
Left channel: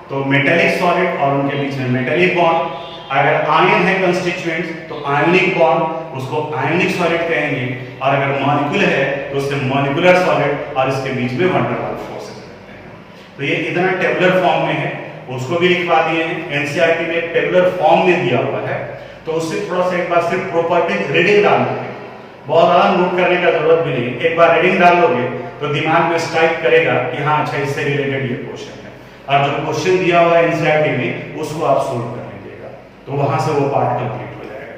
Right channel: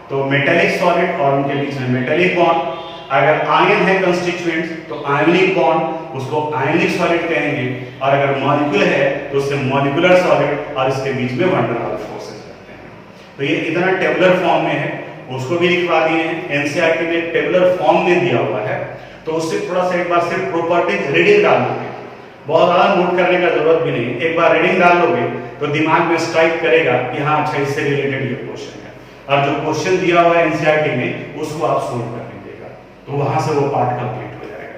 तो मेटेलिक सॉलिड और उनके बीच में मेटेलिक बॉन्ड। अगर आयन है कंस्टिट्यूएंट्स तो आयनिक बॉन्ड, उसको आयनिक सॉलिड कहेंगे, और अगर मॉलिक्यूल है तो उसे मॉलिक्यूलर सॉलिड और इसके बीच में वंडर वाल फोर्सेस रहते हैं। तो ये इतना टेबुलर फॉर्म में है, उसको भी लिखवा दिए हैं। एनसीईआरटी में टेबुलर फॉर्म में दिया हुआ है, तो उससे थोड़ा सा एक बार सिर्फ प्रॉपर्टीज रीडिंग डाल लोगे, बहुत ज्यादा नोट करने का जरूरत भी नहीं। एक बार रीडिंग डाल लोगे तो दिमाग में स्ट्राइक करेगा कि हाँ अच्छा इससे रिलेटेड ये क्वेश्चन है, और जो क्वेश्चन दिया हुआ है एनसीईआरटी में उसको आप सोल्व कर लीजिएगा, तो वहां से वो पार्ट कंप्लीट हो जाएगा।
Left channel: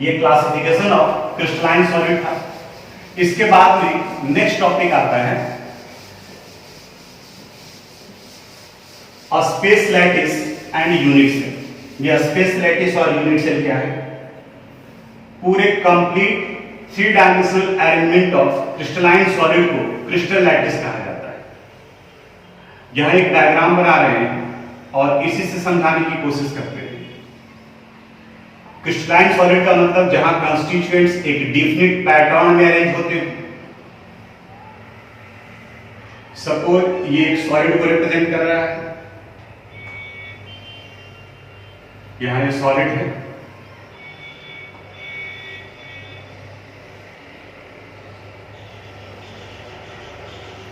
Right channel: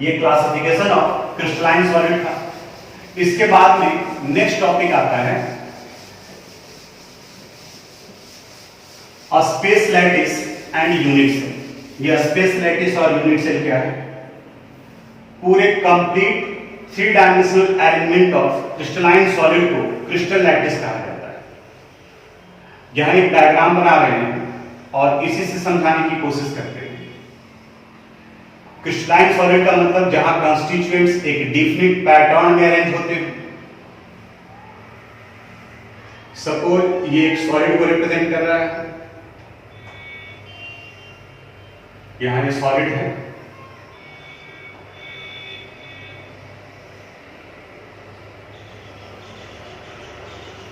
ये क्लासिफिकेशन ऑफ क्रिस्टलाइन सॉलिड था। इसके बाद में नेक्स्ट टॉपिक आता है space lattice and unit cell. ये स्पेस लैटिस और यूनिट सेल क्या है? पूरे complete 3 dimensional arrangement of crystalline solid को क्रिस्टल लैटिस कहा जाता है। यहां एक डायग्राम बना रहे हैं और इसी से समझाने की कोशिश करते हैं। क्रिस्टलाइन सॉलिड का मतलब जहां कंस्टिट्यूएंट्स एक डिफिनिट पैटर्न में अरेंज होते हैं। सपोज ये एक सॉलिड को रिप्रेजेंट कर रहा है, यहां ये सॉलिड है,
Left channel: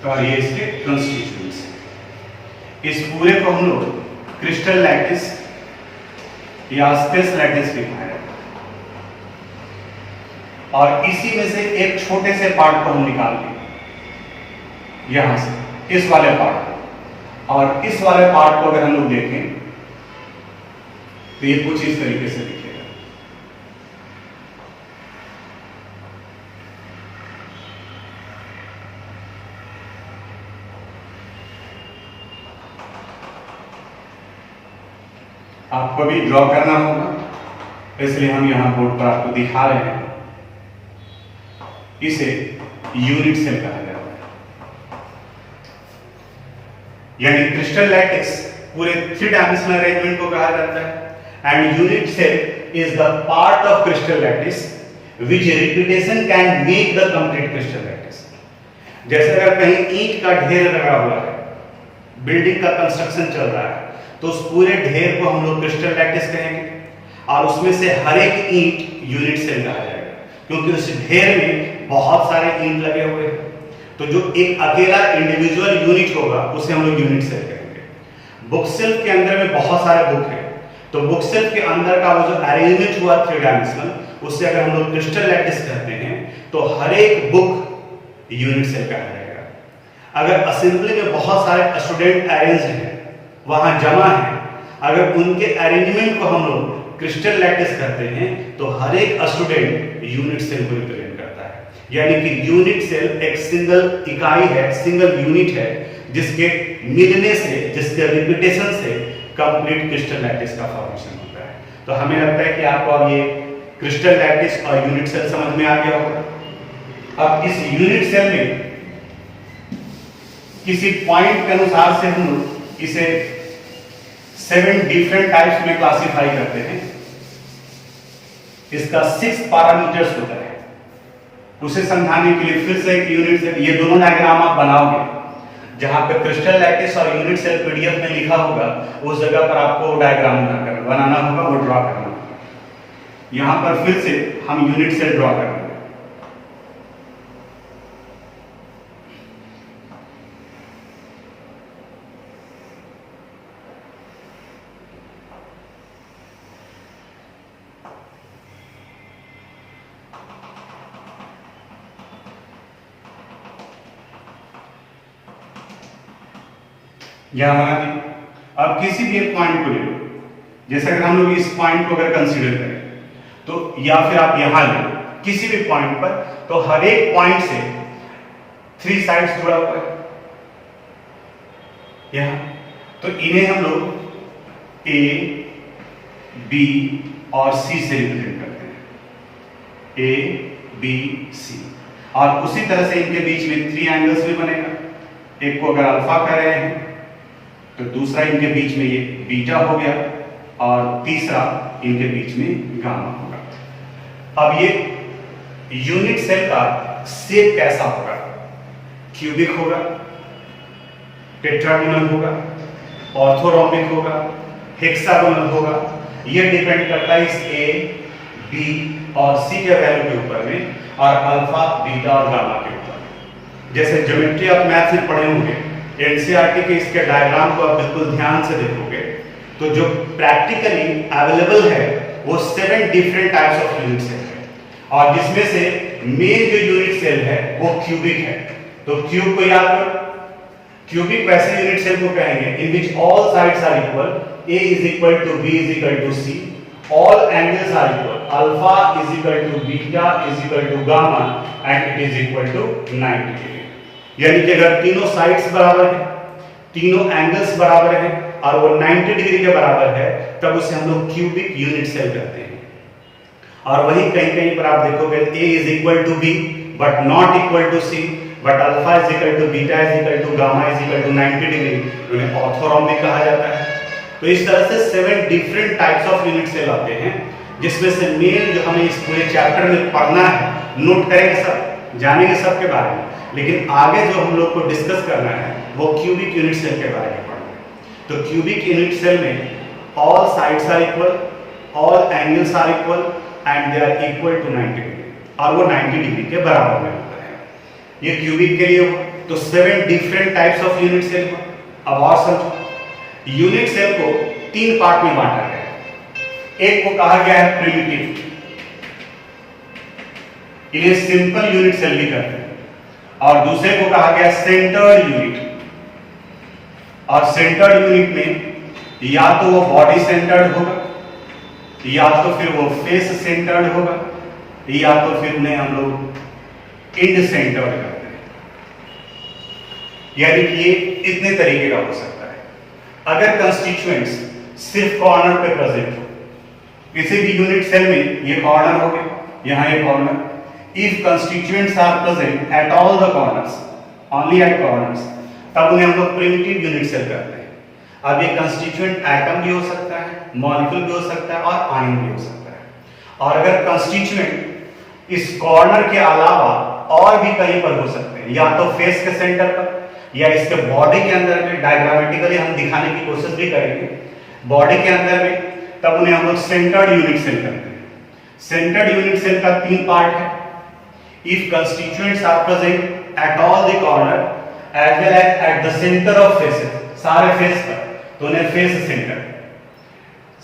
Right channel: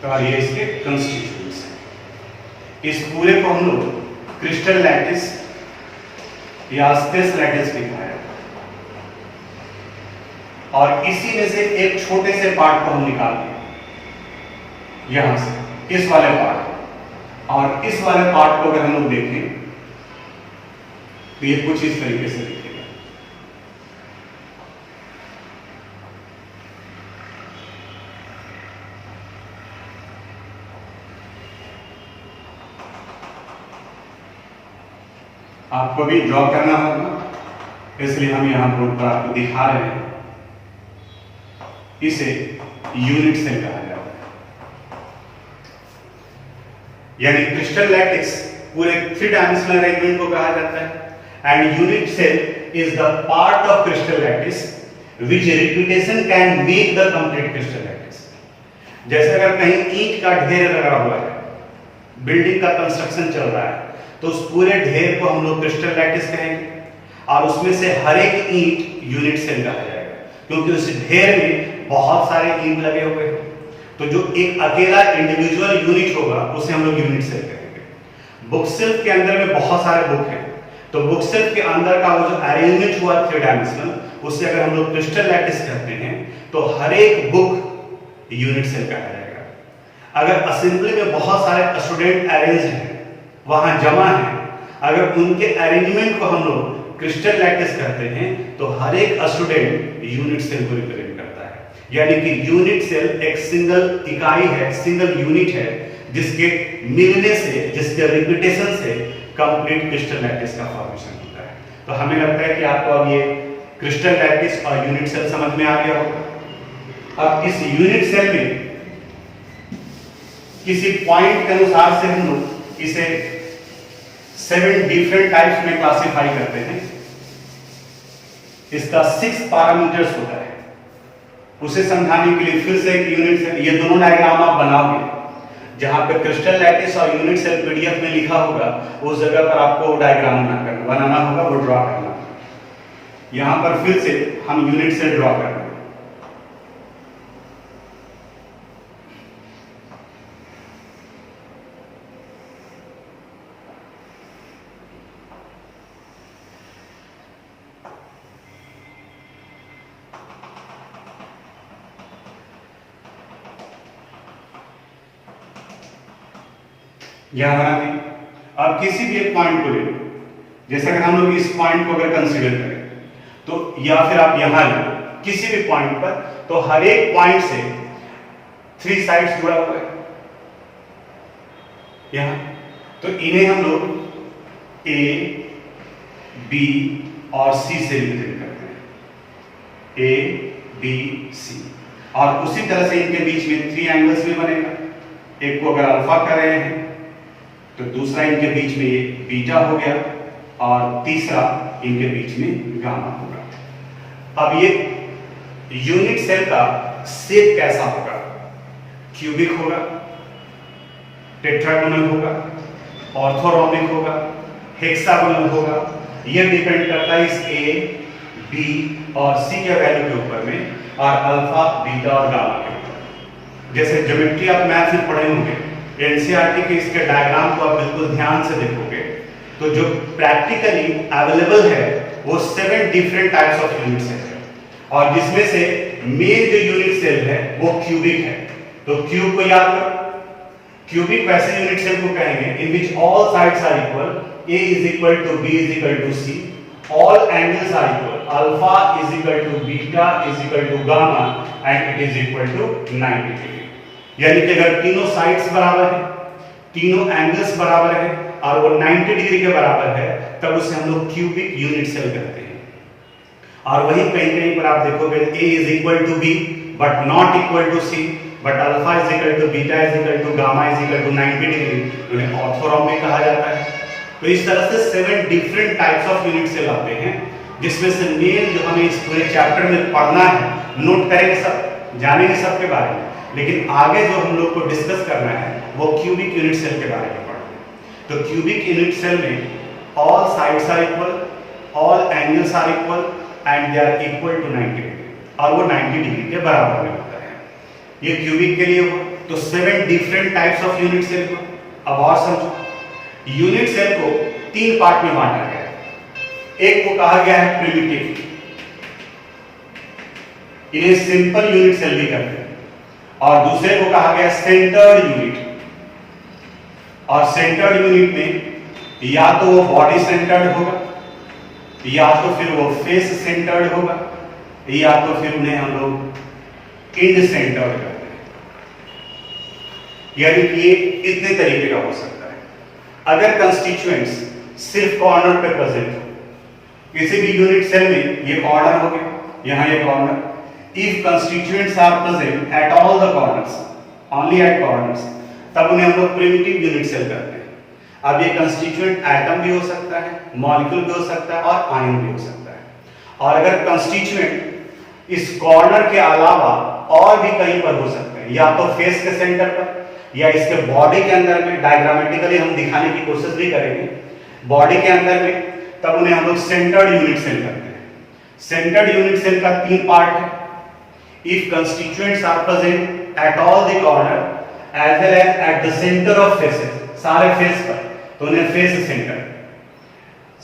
और ये इसके कंस्टिट्यूएंट्स हैं। इस पूरे को हम लोग क्रिस्टल लैटिस या स्पेस लैटिस भी कहा जाता है। और इसी में से एक छोटे से पार्ट को हम निकाल दिए यहां से, इस वाले पार्ट को, और इस वाले पार्ट को अगर हम लोग देखें तो ये कुछ इस तरीके से दिखेगा। आपको भी ड्रॉ करना होगा, इसलिए हम यहां बोर्ड पर आपको दिखा रहे हैं। इसे यूनिट सेल कहा जाता है। यानी क्रिस्टल लैटिस पूरे 3 डायमेंशनल अरेंजमेंट को कहा जाता है, and unit cell is the part of crystal lattice which repetition can make the complete crystal lattice. जैसे अगर कहीं ईंट का ढेर लगा हुआ है, बिल्डिंग का कंस्ट्रक्शन चल रहा है, तो उस पूरे ढेर को हम लोग क्रिस्टल लैटिस कहेंगे, और उसमें से हर एक ईंट यूनिट सेल कहा जाएगा, क्योंकि उस ढेर में बहुत सारे ईंट लगे हुए हैं। तो जो एक अकेला इंडिविजुअल यूनिट होगा उसे हम लोग यूनिट सेल कहेंगे। बुक शेल्फ के अंदर में बहुत सारे बुक हैं, तो बुक शेल्फ के अंदर का वो जो अरेंजमेंट हुआ 3 डायमेंशनल, उससे अगर हम लोग क्रिस्टल लैटिस कहते हैं तो हर एक बुक यूनिट सेल कहा जाएगा। अगर असेंबली में बहुत सारे स्टूडेंट अरेंज हैं, वहां जमा है, अगर उनके अरेंजमेंट को हम लोग क्रिस्टल लैटिस करते हैं तो हर एक स्टूडेंट यूनिट सेल को रिप्रेजेंट करता है। यानी कि यूनिट सेल एक सिंगल इकाई है, सिंगल यूनिट है, जिसके मिलने से, जिसके रिपीटेशन से कंप्लीट क्रिस्टल लैटिस का फॉर्मेशन होता है। तो हमें लगता है कि आपको अब ये क्रिस्टल लैटिस और यूनिट सेल समझ में आ गया होगा। अब इस यूनिट सेल में किसी पॉइंट के अनुसार से हम लोग इसे 7 डिफरेंट टाइप्स में क्लासिफाई करते हैं। इसका 6 पैरामीटर्स होता है। उसे समझाने के लिए फिर से एक यूनिट सेल, ये दोनों डायग्राम आप बनाओगे, जहां पे क्रिस्टल लैटिस और यूनिट सेल पीडीएफ में लिखा होगा, उस जगह पर आपको डायग्राम बनाना होगा, वो ड्रॉ करना होगा। यहां पर फिर से हम यूनिट सेल ड्रॉ करेंगे। यहां बना दी। अब किसी भी एक पॉइंट को ले लो, जैसे अगर हम लोग इस पॉइंट को अगर कंसीडर करें तो, या फिर आप यहां लो किसी भी पॉइंट पर, तो हर एक पॉइंट से 3 साइड्स जुड़ा हुआ है यहां। तो इन्हें हम लोग ए, बी और सी से रिप्रेजेंट करते हैं, ए, बी, सी। और उसी तरह से इनके बीच में 3 एंगल्स भी बनेगा। एक को अगर अल्फा कह रहे हैं तो दूसरा इनके बीच में ये बीटा हो गया, और तीसरा इनके बीच में गामा होगा। अब ये यूनिट सेल का शेप कैसा होगा? क्यूबिक होगा, टेट्रागोनल होगा, ऑर्थोरोम्बिक होगा, हेक्सागोनल होगा। ये डिपेंड करता है इस ए, बी और सी के वैल्यू के ऊपर में, और अल्फा, बीटा और गामा के ऊपर। जैसे ज्योमेट्री आप मैथ में पढ़े होंगे, एनसीईआरटी के इसके डायग्राम को आप बिल्कुल ध्यान से देखोगे तो जो प्रैक्टिकली अवेलेबल है वो 7 different types of unit cell है, और जिसमें से मेन जो यूनिट सेल है वो क्यूबिक है। तो क्यूब को याद करो, क्यूबिक वैसे यूनिट सेल को कहेंगे in which all sides are equal, a is equal to b is equal to c, all angles are equal, alpha is equal to beta is equal to gamma and it is equal to 90 degree। यानी कि अगर तीनों sides बराबर है, तीनों angles बराबर है और वो 90 डिग्री के बराबर है, तब उसे हम लोग क्यूबिक यूनिट सेल कहते हैं। और वही कहीं कहीं पर आप देखोगे a is equal to b but not equal to c, but alpha is equal to beta is equal to gamma is equal to 90 degree, उन्हें ऑर्थोरोम्बिक कहा जाता है। तो इस तरह से 7 different types of unit cell आते हैं, जिसमें से मेन जो हमें इस पूरे चैप्टर में पढ़ना है, नोट करेंगे सब, जानेंगे सबके बारे में, लेकिन आगे जो हम लोग को डिस्कस करना है वो क्यूबिक यूनिट सेल के बारे में पढ़ना है। तो क्यूबिक यूनिट सेल में all sides are equal, all angles are equal and they are equal to 90 degree, और वो 90 डिग्री के बराबर में होता है। ये क्यूबिक के लिए हुआ। तो 7 different types of unit cell हुआ। अब और समझो, यूनिट सेल को 3 पार्ट में बांटा गया है। एक को कहा गया है प्रिमिटिव, इन्हें सिंपल यूनिट सेल भी कहते हैं, और दूसरे को कहा गया सेंटर्ड यूनिट। और सेंटर्ड यूनिट में या तो वो बॉडी सेंटर्ड होगा, या तो फिर वो फेस सेंटर्ड होगा, या तो फिर उन्हें हम लोग इंड सेंटर्ड कहते हैं। यानी कि ये इतने तरीके का हो सकता है। अगर कंस्टिट्यूएंट्स सिर्फ कॉर्नर पे प्रेजेंट हो, किसी भी यूनिट सेल में ये कॉर्नर हो गया, यहां ये corner, if constituents are present at all the corners, only at corners, तब उन्हें हम लोग प्रिमिटिव यूनिट सेल कहते हैं। अब ये कंस्टिट्यूएंट एटम भी हो सकता है, मॉलिक्यूल भी हो सकता है और आयन भी हो सकता है। और अगर कंस्टिट्यूएंट इस कॉर्नर के अलावा और भी कहीं पर हो सकते हैं, या तो फेस के सेंटर पर, या इसके बॉडी के अंदर में, डायग्रामेटिकली हम दिखाने की कोशिश भी करेंगे, बॉडी के अंदर में, तब उन्हें हम लोग सेंटर्ड यूनिट सेल कहते हैं। सेंटर्ड यूनिट सेल का 3 पार्ट है। If constituents are present at all the corner as well as at the center of faces, सारे फेस पर, तो उन्हें फेस सेंटर,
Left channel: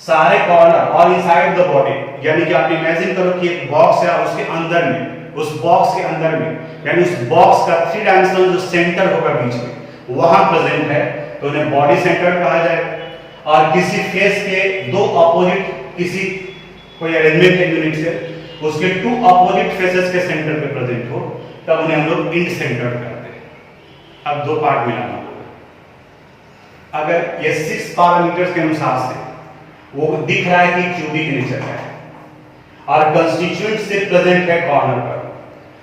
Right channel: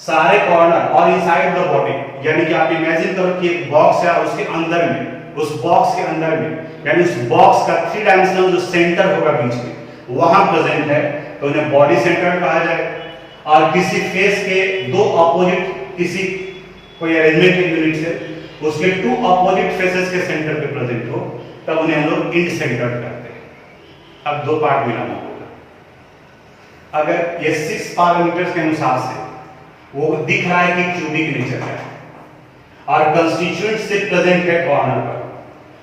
सारे कॉर्नर और इनसाइड द बॉडी, यानी कि आप इमेजिन करो कि एक बॉक्स है, उसके अंदर में, उस बॉक्स के अंदर में, यानी उस बॉक्स का 3 डायमेंशनल जो सेंटर होगा बीच में, वहां प्रेजेंट है, तो उन्हें बॉडी सेंटर कहा जाए। और किसी फेस के 2 अपोजिट, किसी कोई अरेंजमेंट है यूनिट से, उसके 2 अपोजिट फेसेस के सेंटर पे प्रेजेंट हो, तब उन्हें हम लोग इंट सेंटर्ड करते हैं। अब दो पार्ट मिलाना होगा। अगर ये 6 पैरामीटर्स के अनुसार से वो दिख रहा है कि क्यूबिक नेचर है और कंस्टिट्यूएंट से प्रेजेंट है कॉर्नर पर,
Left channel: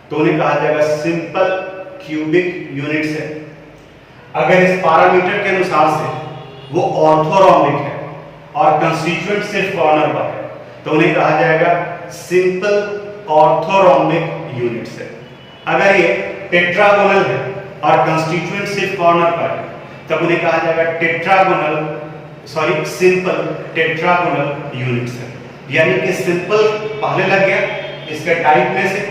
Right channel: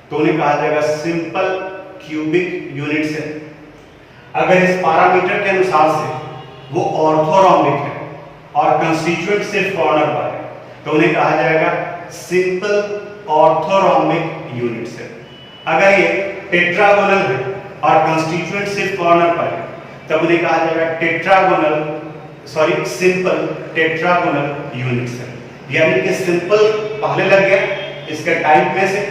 तो उन्हें कहा जाएगा सिंपल क्यूबिक यूनिट्स है। अगर इस पैरामीटर के अनुसार से वो ऑर्थोरोम्बिक है और कंस्टिट्यूएंट सिर्फ कॉर्नर पर है, तो उन्हें कहा जाएगा सिंपल ऑर्थोरोम्बिक यूनिट्स है। अगर ये टेट्रागोनल है और कंस्टिट्यूएंट सिर्फ कॉर्नर पर है, तब उन्हें कहा जाएगा सिंपल टेट्रागोनल यूनिट्स है। यानी कि सिंपल पहले लग गया इसके टाइप में से,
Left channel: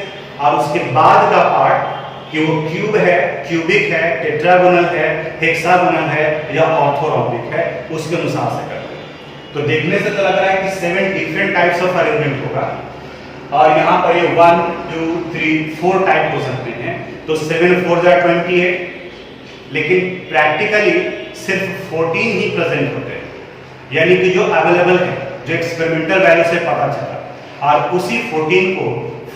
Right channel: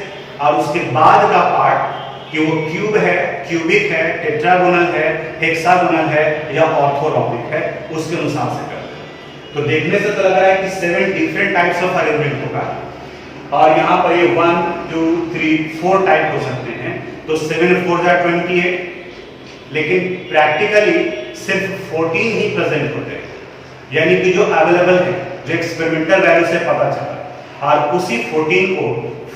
और उसके बाद का पार्ट कि वो क्यूब है, क्यूबिक है, टेट्रागोनल है, हेक्सागोनल है या ऑर्थोरोम्बिक है, उसके अनुसार से करते हैं। तो देखने से तो लग रहा है कि 7 डिफरेंट टाइप्स ऑफ अरेंजमेंट होगा, और यहाँ पर ये 1 2 3 4 टाइप हो सकते हैं। तो 7 4 28, लेकिन प्रैक्टिकली सिर्फ 14 ही प्रेजेंट होते हैं, यानी कि जो अवेलेबल है, जो एक्सपेरिमेंटल वैल्यू से पता चला, और उसी 14 को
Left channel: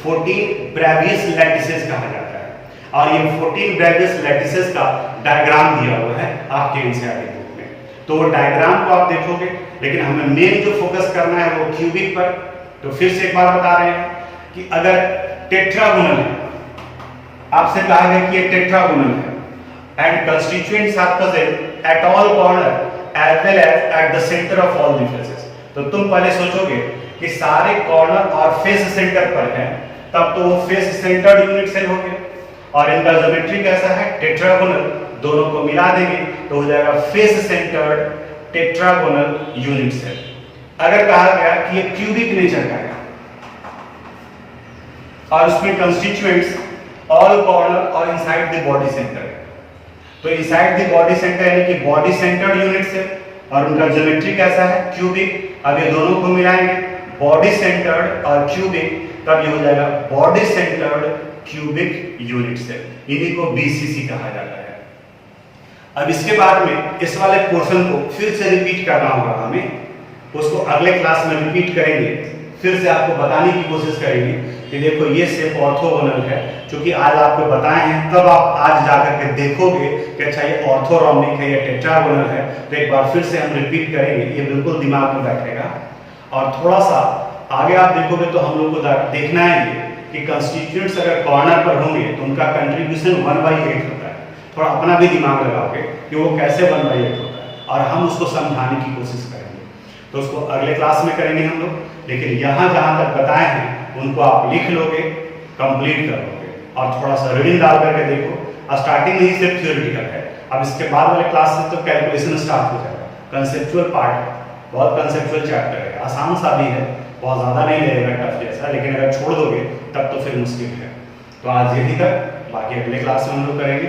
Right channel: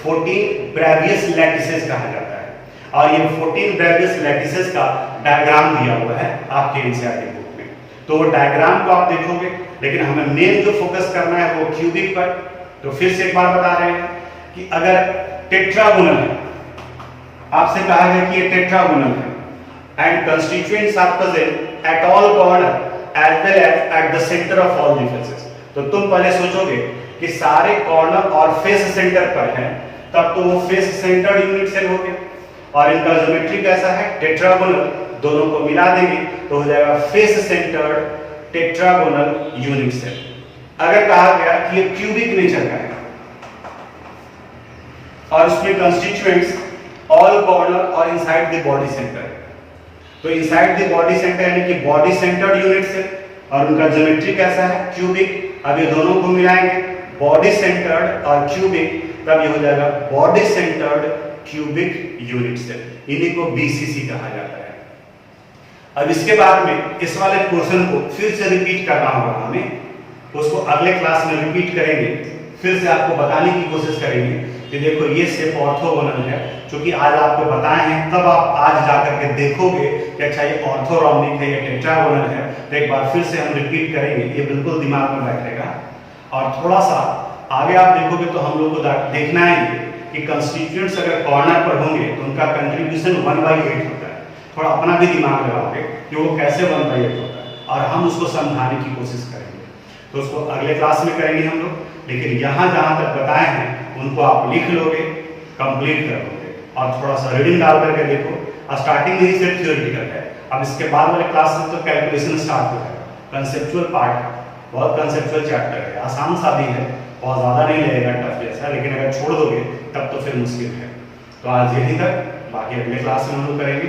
14 ब्रेवियस लैटिसेस कहा जाता है। और ये 14 ब्रेवियस लैटिसेस का डायग्राम दिया हुआ है आपके एनसीईआरटी बुक में, तो वो डायग्राम को आप देखोगे। लेकिन हमें मेन जो फोकस करना है वो क्यूबिक पर। तो फिर से एक बार बता रहे हैं कि अगर टेट्रागोनल है, आपसे कहा गया कि ये टेट्रागोनल है and constituents are present at all corner as well as at the center of all the faces। तो तुम पहले सोचोगे कि सारे कॉर्नर और फेस सेंटर पर है, तब तो वो फेस सेंटर्ड यूनिट सेल हो गया। और इनका ज्योमेट्री कैसा है, टेट्रागोनल, दोनों को मिला देंगे तो हो जाएगा face centred tetragonal unit cell. अगर कहा गया कि ये क्यूबिक नेचर का है और इसमें कंस्टिट्यूएंट्स ऑल कॉर्नर और इनसाइड द बॉडी सेंटर, तो इनसाइड द बॉडी सेंटर यानी कि बॉडी सेंटर्ड यूनिट से, और उनका ज्योमेट्री कैसा है, क्यूबिक। अब ये दोनों को मिलाएंगे, बॉडी सेंटर्ड और क्यूबिक, तब ये हो जाएगा body centred cubic unit cell. इन्हीं को बीसीसी कहा जाता है। अब इसके बाद में इस वाले पोर्शन को फिर से रिपीट करना होगा हमें, उसको अगले क्लास में रिपीट करेंगे, फिर से आपको बताने की कोशिश करेंगे कि देखो ये शेप ऑर्थोगोनल है। क्योंकि आज आपको बताए हैं, तब आप आज जाकर के देखोगे कि अच्छा ये ऑर्थोरोम्बिक है या टेट्रागोनल है। तो एक बार फिर से हम रिपीट करेंगे, ये बिल्कुल दिमाग में बैठेगा। और थोड़ा सा आगे आप देखोगे तो हम लोग को देखना है कि कंस्टिट्यूएंट्स अगर कॉर्नर पर होंगे तो उनका कंट्रीब्यूशन 1/8 होता है। थोड़ा अपना भी दिमाग लगाओगे कि वो कैसे 1/8 होता है, और हम उसको समझाने की कोशिश करेंगे। तो उसको अगले क्लास में करेंगे हम लोग। लेकिन यहाँ जहाँ तक बताए हैं उनको आप लिख लोगे, कंप्लीट कर लोगे, और थोड़ा सा रीडिंग डाल करके देखो। और स्टार्टिंग में ही सिर्फ थियोरेटिकल है, अब इसके बाद वाले क्लास से तो कैलकुलेशन स्टार्ट हो जाएगा। कंसेप्चुअल पार्ट बहुत कंसेप्चुअल चैप्टर है, आसान सा भी है, बहुत ज़्यादा नहीं लगेगा टफ जैसा, लेकिन अगर छोड़ दोगे तब तो फिर मुश्किल है। तो आज यहीं तक, बाकी अगले क्लास में हम लोग करेंगे।